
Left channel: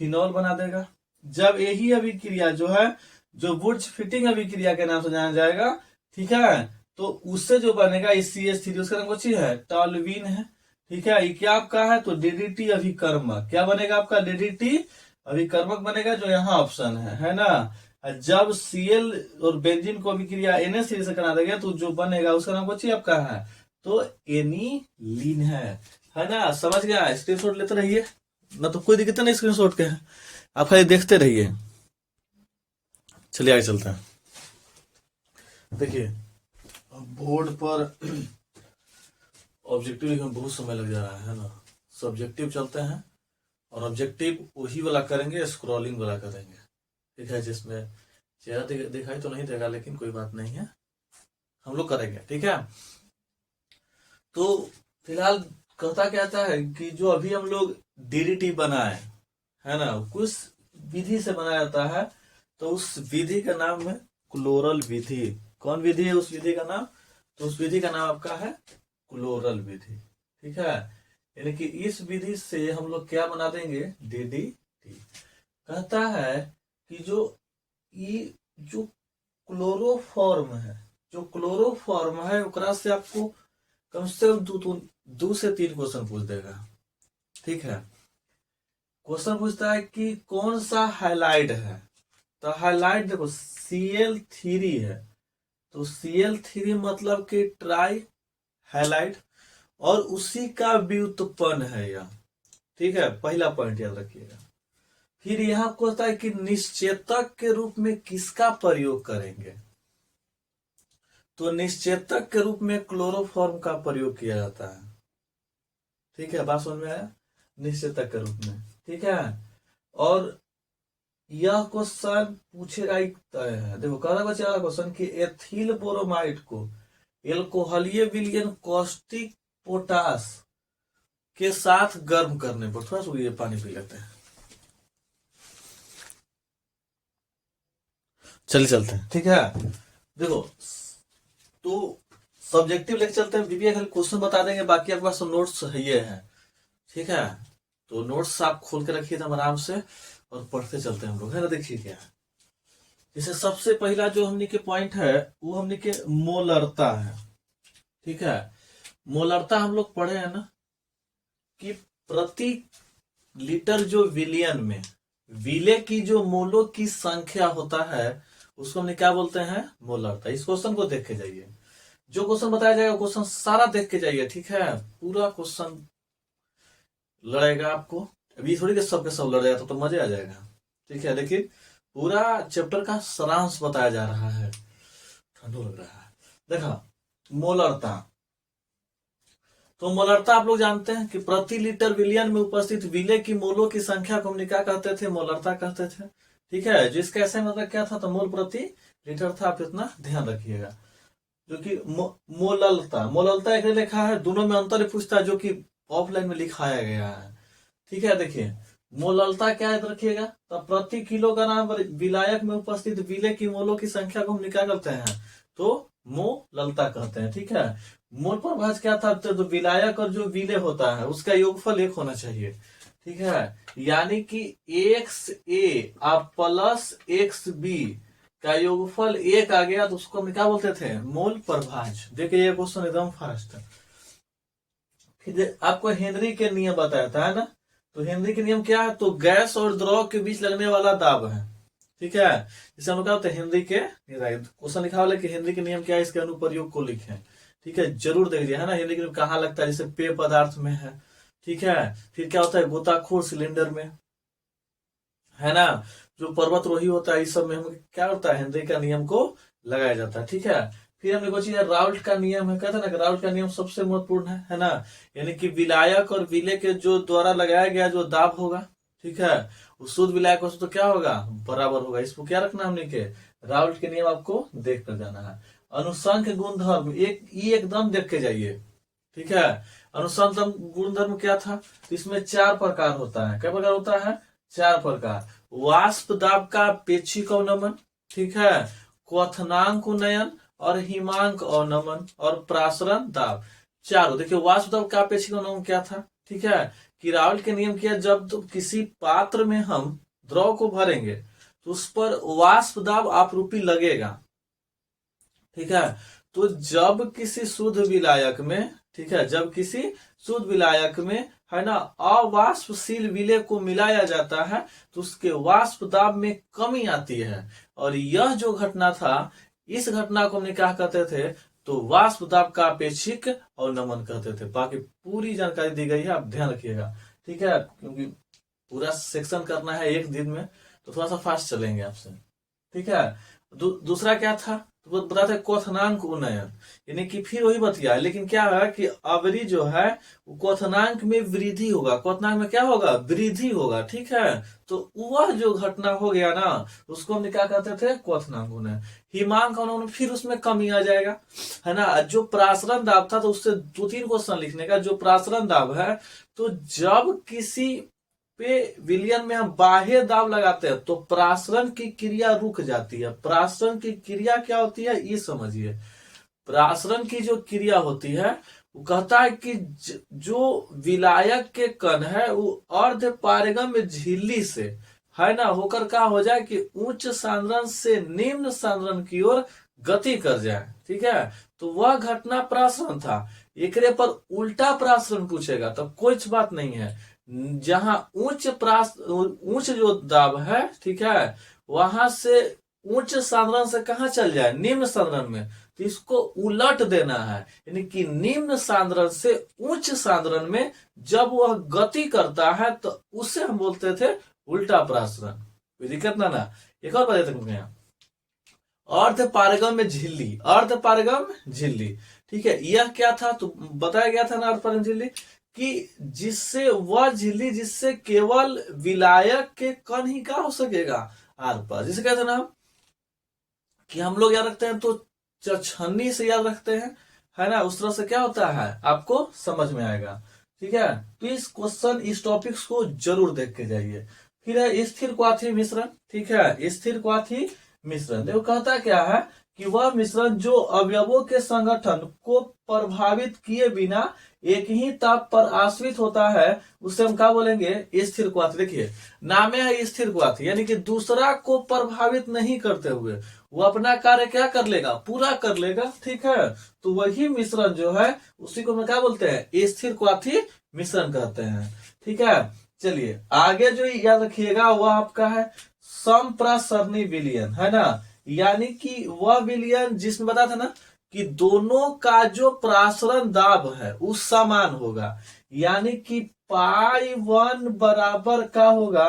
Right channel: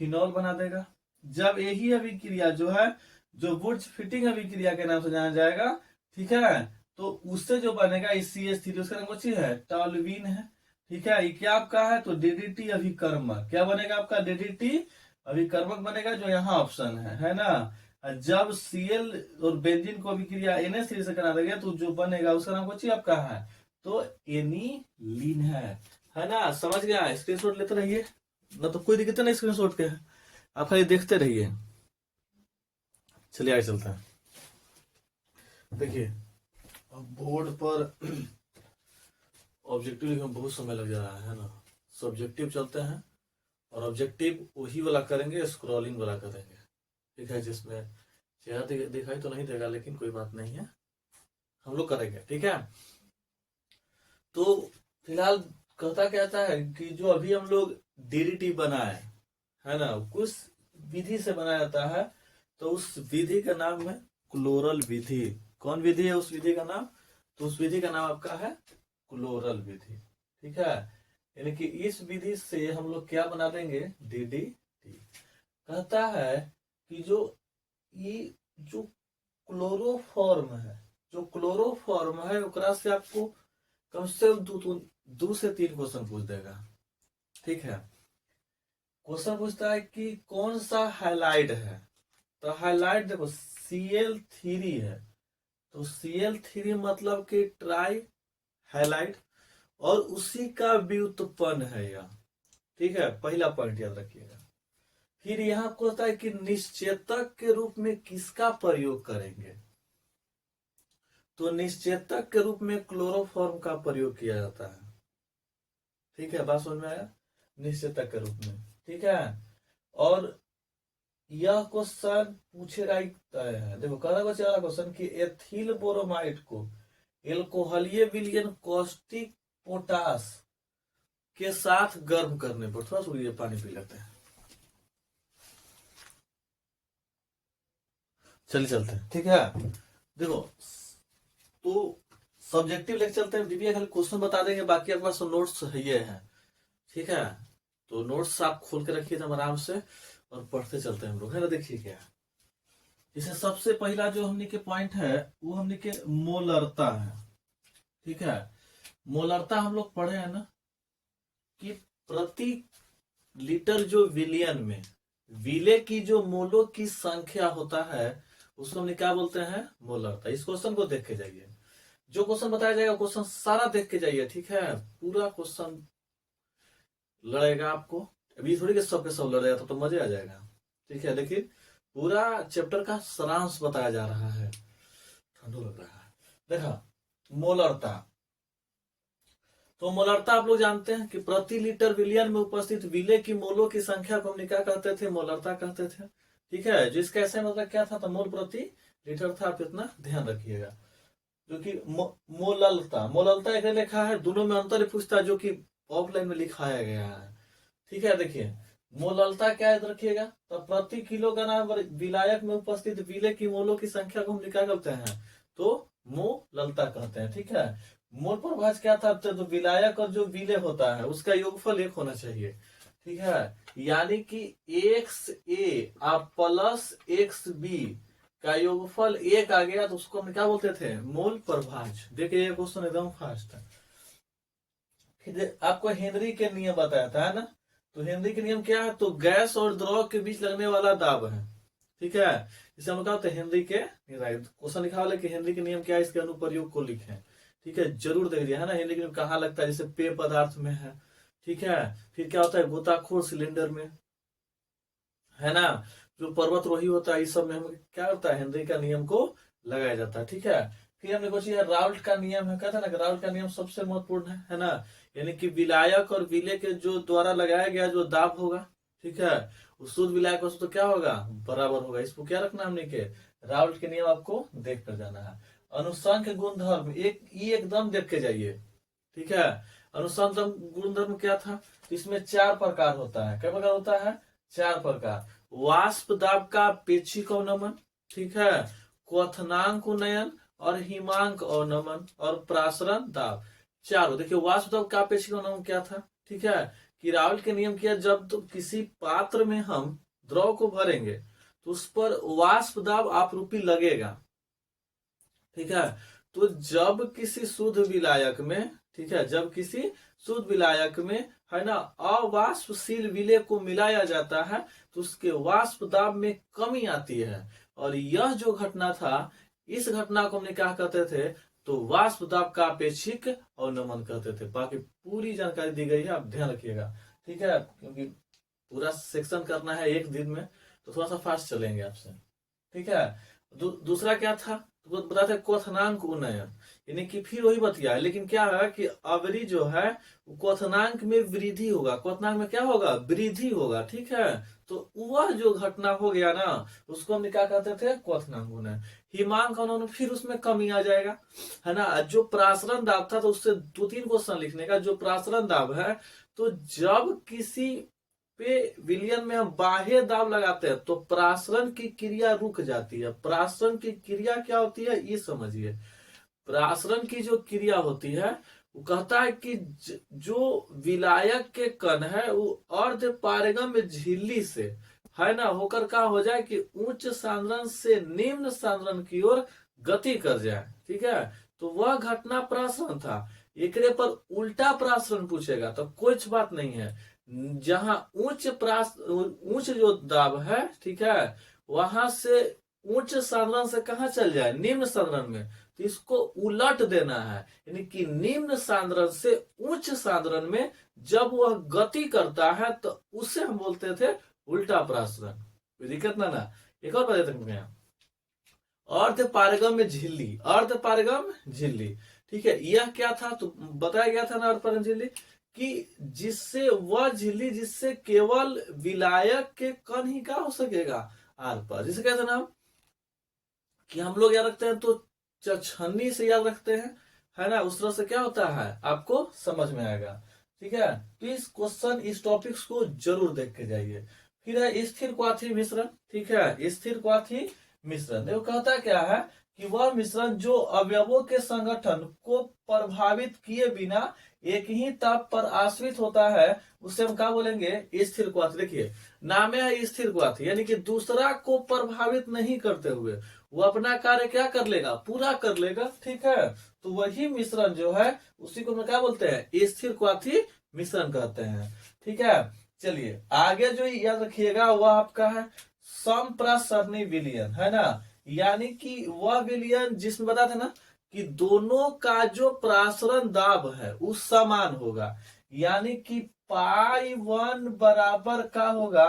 फिनॉल बना देगा। जब यही अभिक्रिया जो है जो वुड्स फिटिंग अभिक्रिया के नाम से जाना जाएगा, ठीक है, तो उससे जो बनेगा इस CH3 उसका नाम कुछ है टॉल्यूवीन है। ठीक है, ये क्या आपका है तो DDT अभिकर्मक, क्या बनेगा आपका DDT अभिकर्मक बनेगा, जो यहाँ ऑप्शन है ना। जब Cl और बेंजीन को अभिक्रिया NH3 से करा देगा तो जो बनेगा उसका नाम कुछ आपका है तो एनिलीन है ना। समझ गया, स्क्रीनशॉट लेते रहिए ना, तो कोई दिक्कत नहीं स्क्रीनशॉट के है, आप खाली देखते रहिए। चलिए आगे चलते हैं। देखिए बोर्ड पर ऑब्जेक्टिव लिखने में बहुत समय लग जा रहा है ना, सब्जेक्टिव चलते हैं और ऑब्जेक्टिव वही वाला करेंगे, स्क्रॉलिंग वाला करेंगे। ठीक है, जिसमें चेहरा दिखाई तो नहीं देगा, लेकिन कोई बात नहीं है, हम लोग करेंगे। ठीक है, तो फिलहाल कहता कहता है कि जो अभी हम लोग DDT बनाए है ना, कुछ विधि से बनाया जाता है, तो उस विधि का नाम है क्लोरल विधि। कौन विधि है उस विधि का नाम, तो उस विधि का नाम आपका है क्लोरल विधि। ठीक है, यानी कि इस विधि से हम लोग क्या बना देंगे DDT। कहता है कि जो क्लोरोफॉर्म है, जो क्लोरोफॉर्म है ओकरा से आपको कम से कम 2 से 3 क्वेश्चन पूछ देगा। ठीक है, क्वेश्चन पूछता है कि कौन सा हाइलाइट है, तो हाइलाइट देखो Cl3 है, तो Cl3 मतलब कि ट्राई हाइलाइट, और उसी का व्युत्पन्न है यह। ठीक है, पहला पॉइंट याद रखिएगा। फिर यहां कहता है कि निश्चेतक के रूप में किसका प्रयोग करेंगे, तो निश्चेतक के रूप में क्लोरोफॉर्म का प्रयोग किया जाता है। ठीक है, बात समझ में आया, निश्चेतक के रूप में। ठीक है, और यह क्वेश्चन पूछेगा देखो कह बच्चे वाला क्वेश्चन कि एथिल बोरोमाइड को एल्कोहलीय विलयन कॉस्टिक पोटास के साथ गर्म करने पर, थोड़ा सा ये पानी पी लेते हैं, चलिए चलते हैं। ठीक है, देखो तो सब्जेक्टिव लेके चलते हैं, दीपिया खाली क्वेश्चन बता देंगे, बाकी आपके पास नोट्स ये है। ठीक है, तो नोट्स आप खोल के रखिए एकदम आराम से और पढ़ते चलते हैं हम लोग, है ना। देखिए क्या है, जैसे सबसे पहला जो हमने के पॉइंट है वो हमने के मोलरता है। ठीक है, मोलरता हम लोग पढ़े हैं ना कि प्रति लीटर जो विलियन में विले की जो मोलों की संख्या होता है उसको हमने क्या बोलते हैं मोलरता। इस क्वेश्चन को देख के जाइए, जो क्वेश्चन बताया जाएगा क्वेश्चन सारा देख के जाइए। ठीक है, पूरा क्वेश्चन लड़ेगा आपको, अभी थोड़ी के सब लड़ जाए तो मजे आ जाएगा। ठीक है, देखिए पूरा चैप्टर का सारांश बताया जा रहा है, ठंडू लग रहा है। देखा मोलरता, तो मोलरता आप लोग जानते हैं कि प्रति लीटर विलियन में उपस्थित विलेय की मोलों की संख्या को हम क्या कहते थे, मोलरता कहते थे। ठीक है, जिसका ऐसा मतलब क्या था, तो मोल प्रति लीटर था, आप इतना ध्यान रखिएगा। जो कि मोललता, मोललता एक लिखा है, दोनों में अंतर पूछता है, जो कि ऑफलाइन में लिखाया गया है। ठीक है, देखिए मोललता क्या याद रखिएगा, तो प्रति किलोग्राम विलायक में उपस्थित विलेय की मोलों की संख्या को हम क्या करते हैं, तो मोललता कहते हैं। ठीक है, मोल प्रभाज क्या था, तो विलायक और जो विलेय होता है उसका योगफल 1 होना चाहिए। ठीक है, यानी कि XA प्लस XB का योगफल 1 आ गया, तो उसको हम क्या बोलते थे, मोल प्रभाज। देखिए ये क्वेश्चन एकदम फास्ट है। फिर आपको हेनरी के नियम बताया था, है ना, तो हेनरी के नियम क्या है, तो गैस और द्रव के बीच लगने वाला दाब है। ठीक है, इसे हम क्या होते हैं, हेनरी के क्वेश्चन लिखा वाला कि हेनरी के नियम क्या है, इसके अनुप्रयोग को लिखें। ठीक है, जरूर देख लीजिए, है ना, हेनरी के नियम कहाँ लगता है, जैसे पेय पदार्थ में है। ठीक है, फिर क्या होता है, गोताखोर सिलेंडर में, है ना, जो पर्वतरोही होता है, इस सब में हम क्या होता है, हेनरी का नियम को लगाया जाता है। ठीक है, फिर हमने कुछ राउल्ट का नियम है, कहते हैं ना कि राउल्ट का नियम सबसे महत्वपूर्ण है ना, यानी कि विलायक और विलेय के जो द्वारा लगाया गया जो दाब होगा, ठीक है, वो शुद्ध विलायक हो तो क्या होगा, बराबर होगा। इसको क्या रखना हमने के, राउल्ट के नियम आपको देख कर जाना है। अनुसंख्य गुणधर्म एकदम देख के जाइए। ठीक है, अनुसंख्य गुणधर्म क्या था, तो इसमें 4 प्रकार होता है। क्या प्रकार होता है, 4 प्रकार। वाष्प दाब का अपेक्षिक अवनमन, ठीक है, क्वथनांक उन्नयन और हिमांक अवनमन और प्रासरण दाब, चारों। देखिए वाष्प दाब का अपेक्षिक अवनमन क्या था, ठीक है, कि राउल्ट के नियम किया, जब तो किसी पात्र में हम द्रव को भरेंगे तो उस पर वाष्प दाब आपरूपी लगेगा। ठीक है, तो जब किसी शुद्ध विलायक में, ठीक है, जब किसी शुद्ध विलायक में, है ना, अवाष्पशील विलेय को मिलाया जाता है तो उसके वाष्प दाब में कमी आती है। और यह जो घटना था, इस घटना को हमने क्या कहते थे, तो वाष्प दाब का अपेक्षिक अवनमन कहते थे। बाकी पूरी जानकारी दी गई है, आप ध्यान रखिएगा। ठीक है, क्योंकि पूरा सेक्शन करना है एक दिन में, तो थोड़ा सा फास्ट चलेंगे आपसे। ठीक है, दूसरा क्या था, तो बता था क्वथनांक उन्नयन, यानी कि फिर वही बतिया, लेकिन क्या है कि अवरी जो है वो क्वथनांक में वृद्धि होगा, क्वथनांक में क्या होगा, वृद्धि होगा। ठीक है, तो वह जो घटना हो गया ना, उसको हमने क्या कहते थे, क्वथनांक उन्नयन। हिमांक उन्नयन, फिर उसमें कमी आ जाएगा, है ना। जो प्रासरण दाब था, तो उससे 2-3 क्वेश्चन लिखने का। जो प्रासरण दाब है, तो जब किसी पे विलियन में हम बाह्य दाब लगाते हैं तो प्रासरण की क्रिया रुक जाती है। प्रासरण की क्रिया क्या होती है, ये समझिए। प्रासरण की जो क्रिया होती है, वो कहता है कि जो विलायक के कण है वो अर्ध पारगम्य झिल्ली से, है ना, होकर क्या हो जाए कि उच्च सांद्रण से निम्न सांद्रण की ओर गति कर जाए। ठीक है, तो वह घटना प्रासरण था। एकरे पर उल्टा प्रासरण पूछेगा तो कुछ बात नहीं है। जहां उच्च जो दाब है, ठीक है, वहां से उच्च सांद्रण से कहा चल जाए, निम्न सांद्रण में, तो इसको उलट देना है। यानी कि निम्न सांद्रण से उच्च सांद्रण में जब वह गति करता है तो उसे हम बोलते थे उल्टा प्रासरण। कोई दिक्कत ना। एक और बात देखते अर्ध पारगम्य झिल्ली, अर्ध पारगम्य झिल्ली। ठीक है, यह क्या था, तो बताया गया था ना, अर्ध पारगम्य झिल्ली कि जिससे वह झिल्ली, जिससे केवल विलायक के कण ही क्या हो सकेगा, आर पार। जिसे कहते हैं ना कि हम लोग याद रखते हैं तो छन्नी से याद रखते हैं, है ना, उस तरह से क्या होता है आपको समझ में आएगा। ठीक है, तो इस क्वेश्चन, इस टॉपिक्स को जरूर देख के जाइए। फिर है स्थिर क्वाथी मिश्रण। ठीक है, स्थिर क्वाथी मिश्रण, देखो कहता क्या है कि वह मिश्रण जो अवयवों के संगठन को प्रभावित किए बिना एक ही ताप पर आश्रित होता है, उसे हम क्या बोलेंगे, स्थिर क्वाथी। देखिए नाम है स्थिर क्वाथी, यानी कि दूसरा को प्रभावित नहीं करते हुए वो अपना कार्य क्या कर लेगा, पूरा कर लेगा। ठीक है, तो वही मिश्रण जो है उसी को हम क्या बोलते हैं, स्थिर क्वाथी मिश्रण कहते हैं। ठीक है, चलिए आगे जो याद रखिएगा वह आपका है समप्रासरणी विलयन, है ना, यानी कि वह विलयन जिसमें बताया था ना कि दोनों का जो प्रासरण दाब है वो समान होगा, यानी कि पाई 1 बराबर का होगा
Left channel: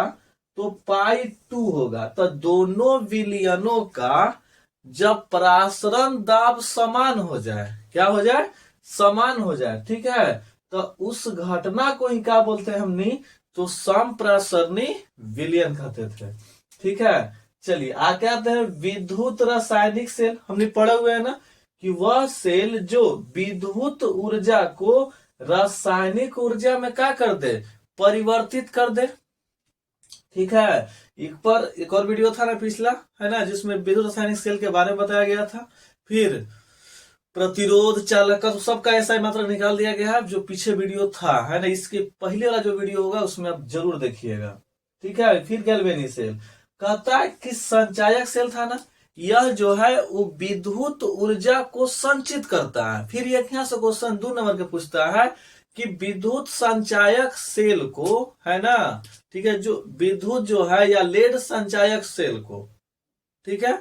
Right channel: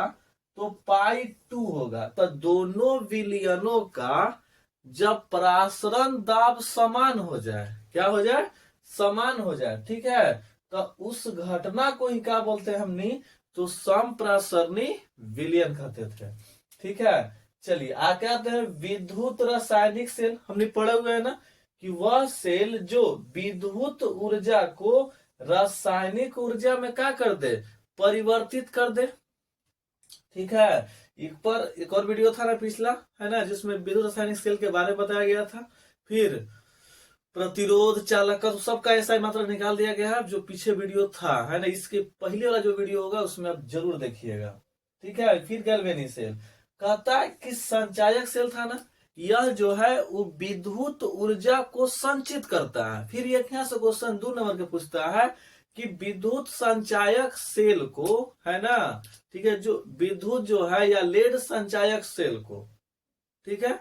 तो पाई 2 होगा। तो दोनों विलयनों का जब प्रासरण दाब समान हो जाए, क्या हो जाए, समान हो जाए, ठीक है, तो उस घटना को ही क्या बोलते हैं हमने, तो संप्रासरणी विलयन कहते थे। ठीक है, चलिए आगे आते हैं विद्युत रासायनिक सेल। हमने पढ़े हुए हैं ना कि वह सेल जो विद्युत ऊर्जा को रासायनिक ऊर्जा में क्या कर दे, परिवर्तित कर दे। ठीक है, एक और वीडियो था ना पिछला, है ना, जिसमें विद्युत रासायनिक सेल के बारे में बताया गया था। फिर प्रतिरोध चालकत्व तो सबका ऐसा ही मात्रा निकाल दिया गया है, जो पीछे वीडियो था, है ना, इसके पहले वाला जो वीडियो होगा उसमें आप जरूर देखिएगा। ठीक है, फिर गैल्वेनिक सेल कहता है कि संचायक सेल था ना, यह जो है वो विद्युत ऊर्जा को संचित करता है। फिर एक यहाँ से क्वेश्चन 2 नंबर के पूछता है कि विद्युत संचायक सेल को, है ना, ठीक है, जो विद्युत जो है या लेड संचायक सेल को, ठीक है,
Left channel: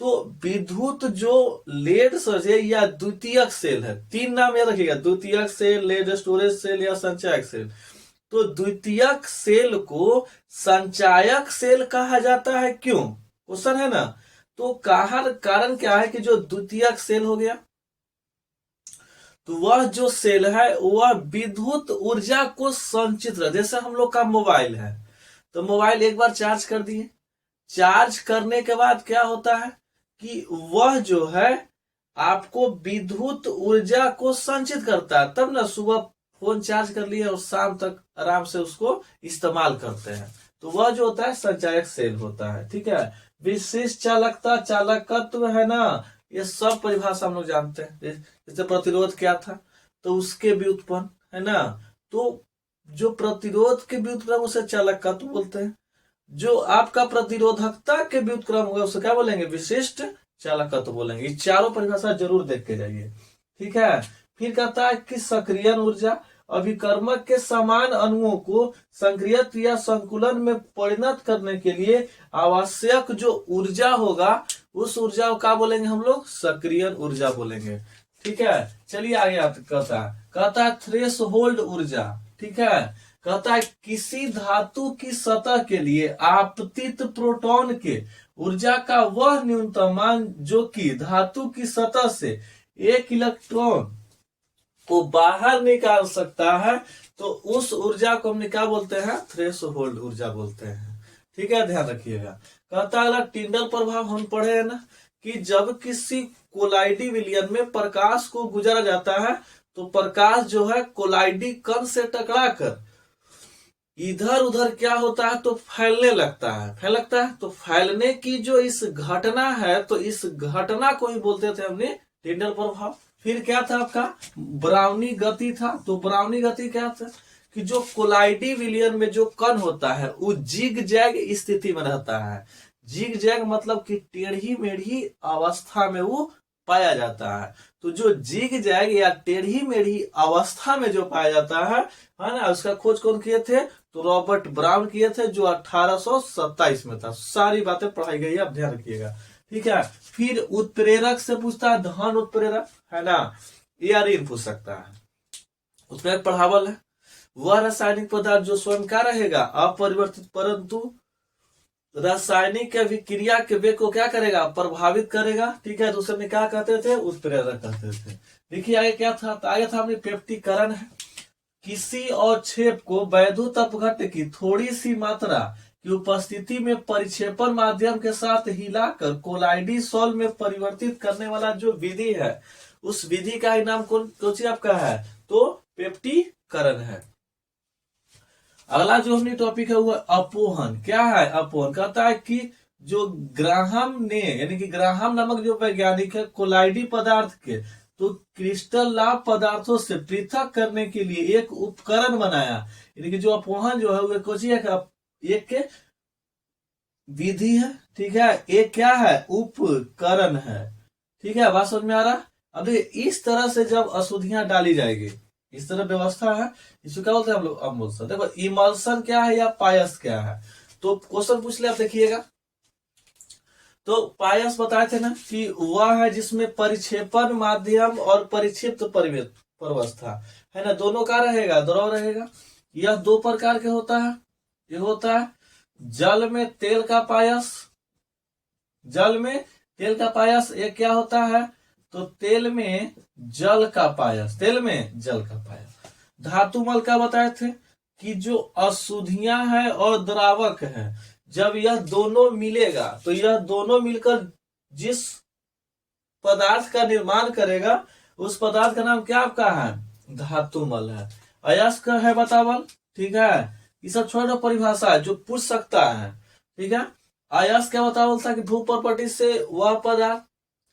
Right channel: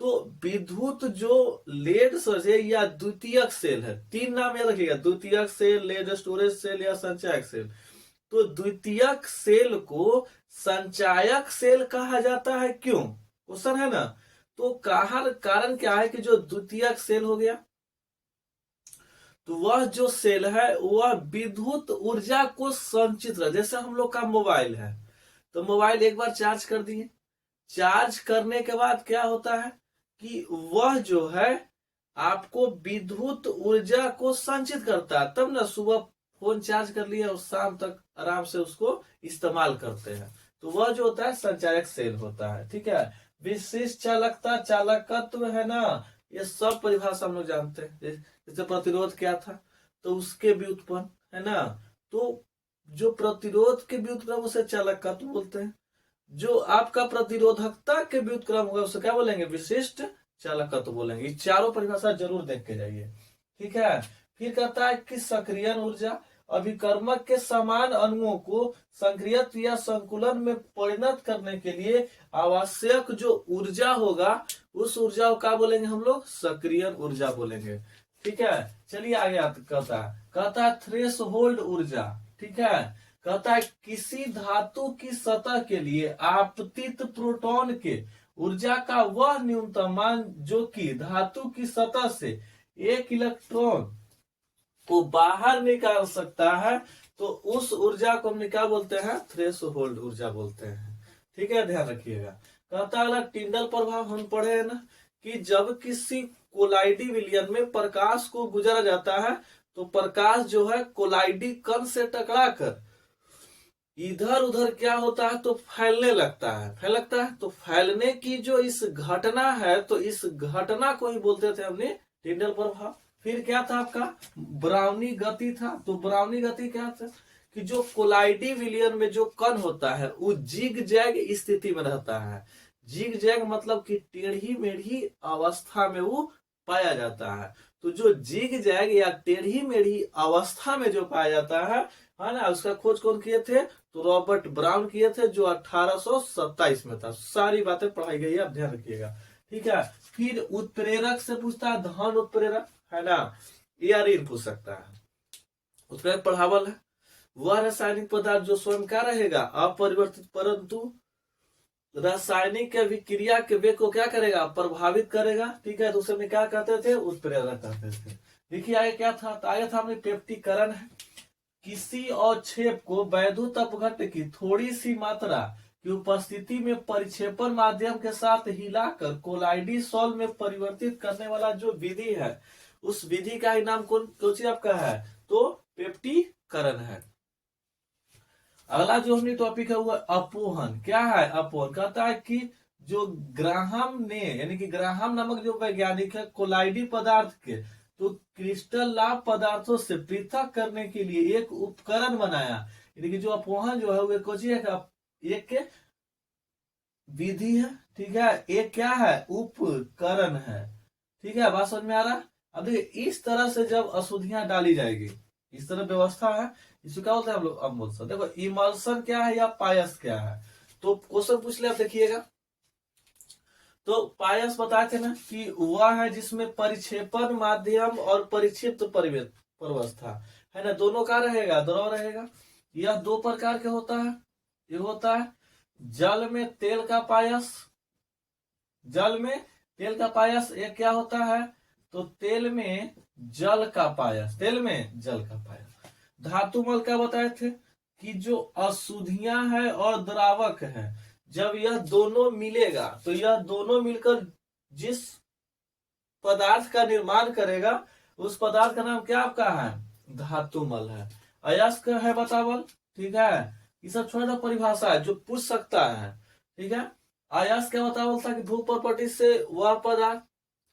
तो विद्युत जो लेड सेल या द्वितीयक सेल है, 3 नाम याद रखिएगा, द्वितीयक सेल, लेड स्टोरेज सेल या संचायक सेल। तो द्वितीयक सेल को संचायक सेल कहा जाता है, क्यों, क्वेश्चन है ना। तो कारण क्या है कि जो द्वितीयक सेल हो गया, तो वह जो सेल है वह विद्युत ऊर्जा को संचित रहे। जैसे हम लोग का मोबाइल है, तो मोबाइल एक बार चार्ज कर दिए, चार्ज करने के बाद क्या होता है कि वह जो है आपको विद्युत ऊर्जा को संचित करता है, तब ना सुबह फोन चार्ज कर लिए और शाम तक आराम से उसको इस्तेमाल करते हैं। तो वह जो होता है संचायक सेल होता है। ठीक है, विशिष्ट चालकता, चालकत्व, है ना, ये सब परिभाषा हम लोग जानते हैं। जैसे प्रतिरोध क्या था, तो उसके व्युत्पन्न, है ना, तो जो प्रतिरोध के व्युत्क्रम उसे चालकत्व बोलते हैं। जो आपका प्रतिरोधकता के व्युत्क्रम होगा उसे क्या बोलेंगे, विशिष्ट चालकत्व बोलेंगे। ये चारों परिभाषा जरूर देख के जाइए। ठीक है, फिर कहता है कि सक्रियण ऊर्जा, अभिकर्मक के समान अणुओं को संक्रियत या संकुलन में परिणत करने के लिए आवश्यक जो ऊर्जा होगा, उस ऊर्जा को क्या बोलेंगे हम लोग, सक्रियण ऊर्जा बोलेंगे। ठीक है, चलिए आगे कहता है थ्रेश होल्ड ऊर्जा। ठीक है, कहता है किसी धातु की सतह के लिए आपतित प्रोटॉन के ऊर्जा का वह न्यूनतम मान जो कि धातु की सतह से 1 इलेक्ट्रॉन को बाहर निकाल सकता है, तो उस ऊर्जा को हम क्या बोलते हैं, थ्रेश होल्ड ऊर्जा बोलते हैं। ठीक है, ध्यान रखिएगा। कहता है टिंडल प्रभाव हम पढ़े हैं ना, कि जब किसी कोलाइडी विलयन में प्रकाश को गुजरा जाता है, तो प्रकाश जो है कोलाइडी कण से टकराकर इधर उधर क्या होता है, तो फैलने लगता है, तो फैलने की जो इस घटना है, तो इस घटना को ही बोलते थे हमने टिंडल प्रभाव। फिर क्या था आपका, ब्राउनी गति था। तो ब्राउनी गति क्या था कि जो कोलाइडी विलयन में जो कण होता है वो जिग जैग स्थिति में रहता है। जिग जैग मतलब कि टेढ़ी मेढ़ी अवस्था में वो पाया जाता है। तो जो जिग जैग या टेढ़ी मेढ़ी अवस्था में जो पाया जाता है ना, उसका खोज कौन किए थे, तो रॉबर्ट ब्राउन किए थे, जो 1827 में था। सारी बातें पढ़ाई गई है, आप ध्यान रखिएगा। ठीक है, फिर उत्प्रेरक से पूछता है, धन उत्प्रेरक, है ना, या ऋण पूछ सकता है। उत्प्रेरक पढ़ावल है वह रासायनिक पदार्थ जो स्वयं का रहेगा अपरिवर्तित, परंतु रासायनिक अभिक्रिया के वेग को क्या करेगा, प्रभावित करेगा। ठीक है, दूसरे में क्या कहते थे, उत्प्रेरक कहते थे। देखिए आगे क्या था, तो आगे था हमने पेप्टिकरण है। किसी अवक्षेप को वैद्युत अपघट्य की थोड़ी सी मात्रा की उपस्थिति में परिक्षेपण माध्यम के साथ हिलाकर कोलाइडी सॉल्व में परिवर्तित करने वाला जो विधि है, उस विधि का ही नाम कौन सी आपका है, तो पेप्टिकरण है। अगला जो हमने टॉपिक है वो अपोहन। क्या है अपोहन, कहता है कि जो ग्राहम ने, यानी कि ग्राहम नामक जो वैज्ञानिक है, कोलाइडी पदार्थ के तो क्रिस्टल लाभ पदार्थों से पृथक करने के लिए एक उपकरण बनाया। यानी कि जो अपोहन जो है वो एक विधि है। ठीक है, एक क्या है, उपकरण है। ठीक है, बात समझ में आ रहा। अब देखिए इस तरह से जब अशुद्धियां डाली जाएगी, इस तरह व्यवस्था है, इसको क्या बोलते हैं हम लोग, अम्लसन। देखो इमल्सन क्या है या पायस क्या है, तो क्वेश्चन पूछ ले आप देखिएगा। तो पायस बताए थे ना कि वह है जिसमें परिक्षेपण माध्यम और परिक्षिप्त प्रवस्था, है ना, दोनों का रहेगा, द्रव रहेगा। यह 2 प्रकार के होता है। ये होता है जल में तेल का पायस, जल में तेल का पायस। एक क्या होता है, तो तेल में जल का पायस, तेल में जल का पायस। धातुमल क्या बताए थे कि जो अशुद्धियां हैं और द्रावक है, जब यह दोनों मिलेगा तो यह दोनों मिलकर जिस पदार्थ का निर्माण करेगा उस पदार्थ का नाम क्या आपका है, धातुमल है। अयस्क है बतावल, ठीक है। ये सब छोटा परिभाषा है जो पूछ सकता है, ठीक है। अयस्क क्या बतावल था कि भू प्रॉपर्टी से वह पदार्थ,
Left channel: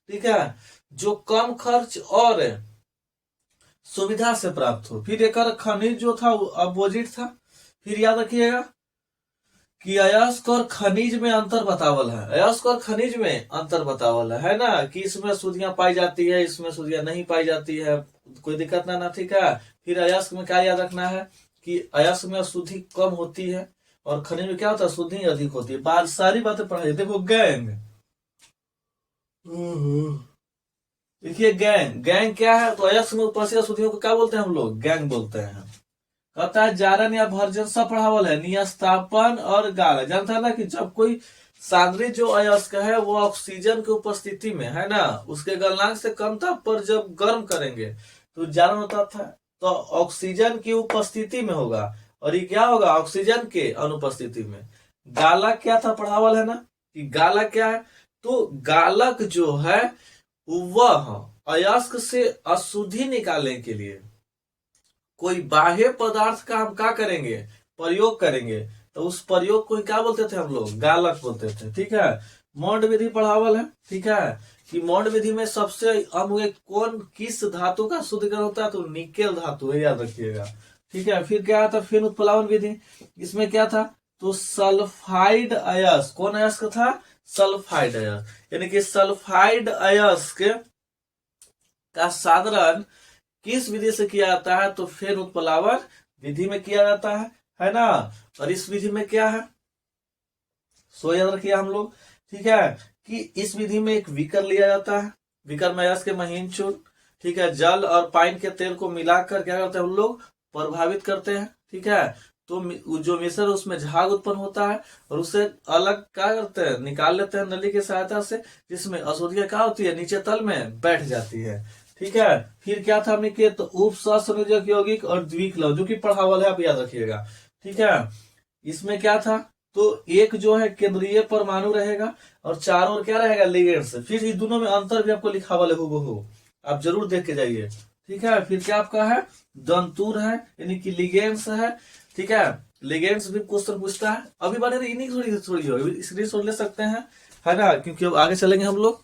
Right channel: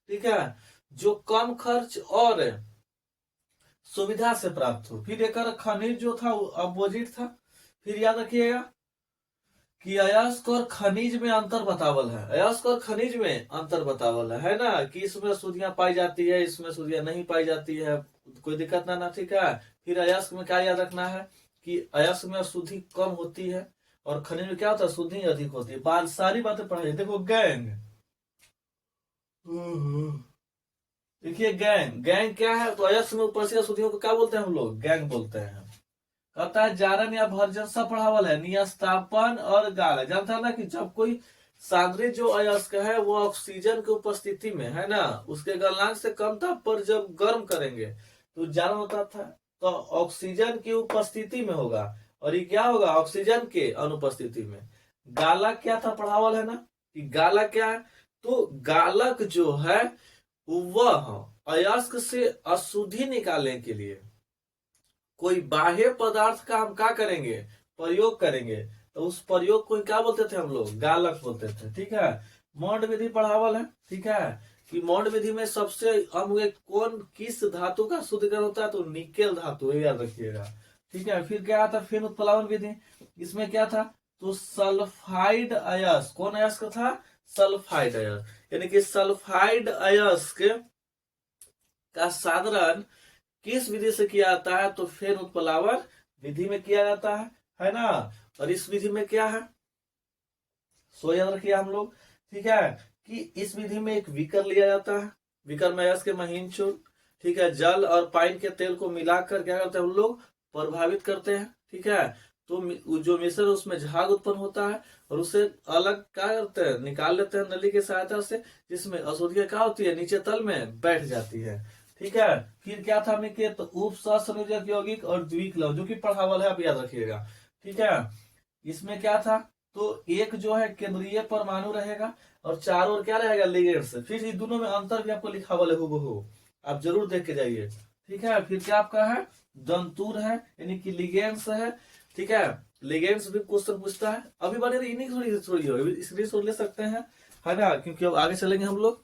ठीक है, जो कम खर्च और सुविधा से प्राप्त हो। फिर एक खनिज जो था अपोजिट था। फिर याद रखिएगा कि अयस्क और खनिज में अंतर बतावल है, अयस्क और खनिज में अंतर बतावल है ना, कि इसमें शुद्धियां पाई जाती है, इसमें शुद्धियां नहीं पाई जाती है, कोई दिक्कत ना, ठीक है। फिर अयस्क में क्या याद रखना है कि अयस्क में शुद्धि कम होती है और खनिज में क्या होता है, शुद्धि अधिक होती है। बार सारी बातें पढ़ाई। देखो गैंग, देखिए गैंग, गैंग क्या है, तो अयस्क में उपस्थित शुद्धियों को क्या बोलते हैं हम लोग, गैंग बोलते हैं। कहता है जारन या भर्जन सब पढ़ावल है, नियस्तापन और गाल। जानता है ना कि जब कोई सांद्रित जो अयस्क है वो ऑक्सीजन की उपस्थिति में है ना, उसके गलनांक से कम ताप पर जब गर्म करेंगे तो जारन होता था, तो ऑक्सीजन की उपस्थिति में होगा, और ये क्या होगा, ऑक्सीजन के अनुपस्थिति में। गालक क्या था पढ़ावल है ना, कि गालक क्या है, तो गालक जो है वह अयस्क से अशुद्धि निकालने के लिए कोई बाह्य पदार्थ का हम क्या करेंगे, प्रयोग करेंगे, तो उस प्रयोग को क्या बोलते थे हम लोग, गालक बोलते थे, ठीक है। मौंड विधि पढ़ावल है, ठीक है, कि मौंड विधि में सबसे अमुक कौन किस धातु का शुद्धिकरण होता है, तो निकेल धातु है, याद रखिएगा, ठीक है। फिर क्या था, फिर उत्प्लावन विधि, इसमें क्या था, तो सल्फाइड अयस्क, कौन अयस्क था, सल्फाइड अयस्क, यानी कि सल्फाइड अयस्क का साधारण किस विधि से किया जाता है, तो फेन उत्प्लावन विधि में किया जाता है ना। और इस विधि में क्या है, सो याद रखिए हम लोग, ठीक है, कि इस विधि में एक विकर लिया जाता है, विकर में अयस्क के महीन चूर्ण, ठीक है, जल और पाइन के तेल को मिलाकर क्या करते हैं हम लोग, प्रभावित करते हैं, ठीक है। तो जो मिश्रण उसमें झाग उत्पन्न होता है और उसे अलग क्या करते हैं, निकाल लेते हैं नली की सहायता से, जिसमें अशुद्धियां क्या होती है, नीचे तल में बैठ जाती है, ठीक है। फिर क्या था हमने, तो उप सहसंयोजक यौगिक और द्विक्लव, जो कि पढ़ावल है, आप याद रखिएगा, ठीक है। इसमें क्या था, तो एक जो है केंद्रीय परमाणु रहेगा और चारों ओर क्या रहेगा, लिगेंड्स। फिर इस दोनों में अंतर भी आपको लिखावल है हूबहू, आप जरूर देख के जाइए, ठीक है। फिर क्या आपका है, दंतुर है, यानी कि लिगेंड्स है, ठीक है। लिगेंड्स भी क्वेश्चन पूछता है, अभी बने इन्हीं थोड़ी थोड़ी होगी, स्क्रीन शॉट ले सकते हैं, है ना, क्योंकि अब आगे चलेंगे हम लोग।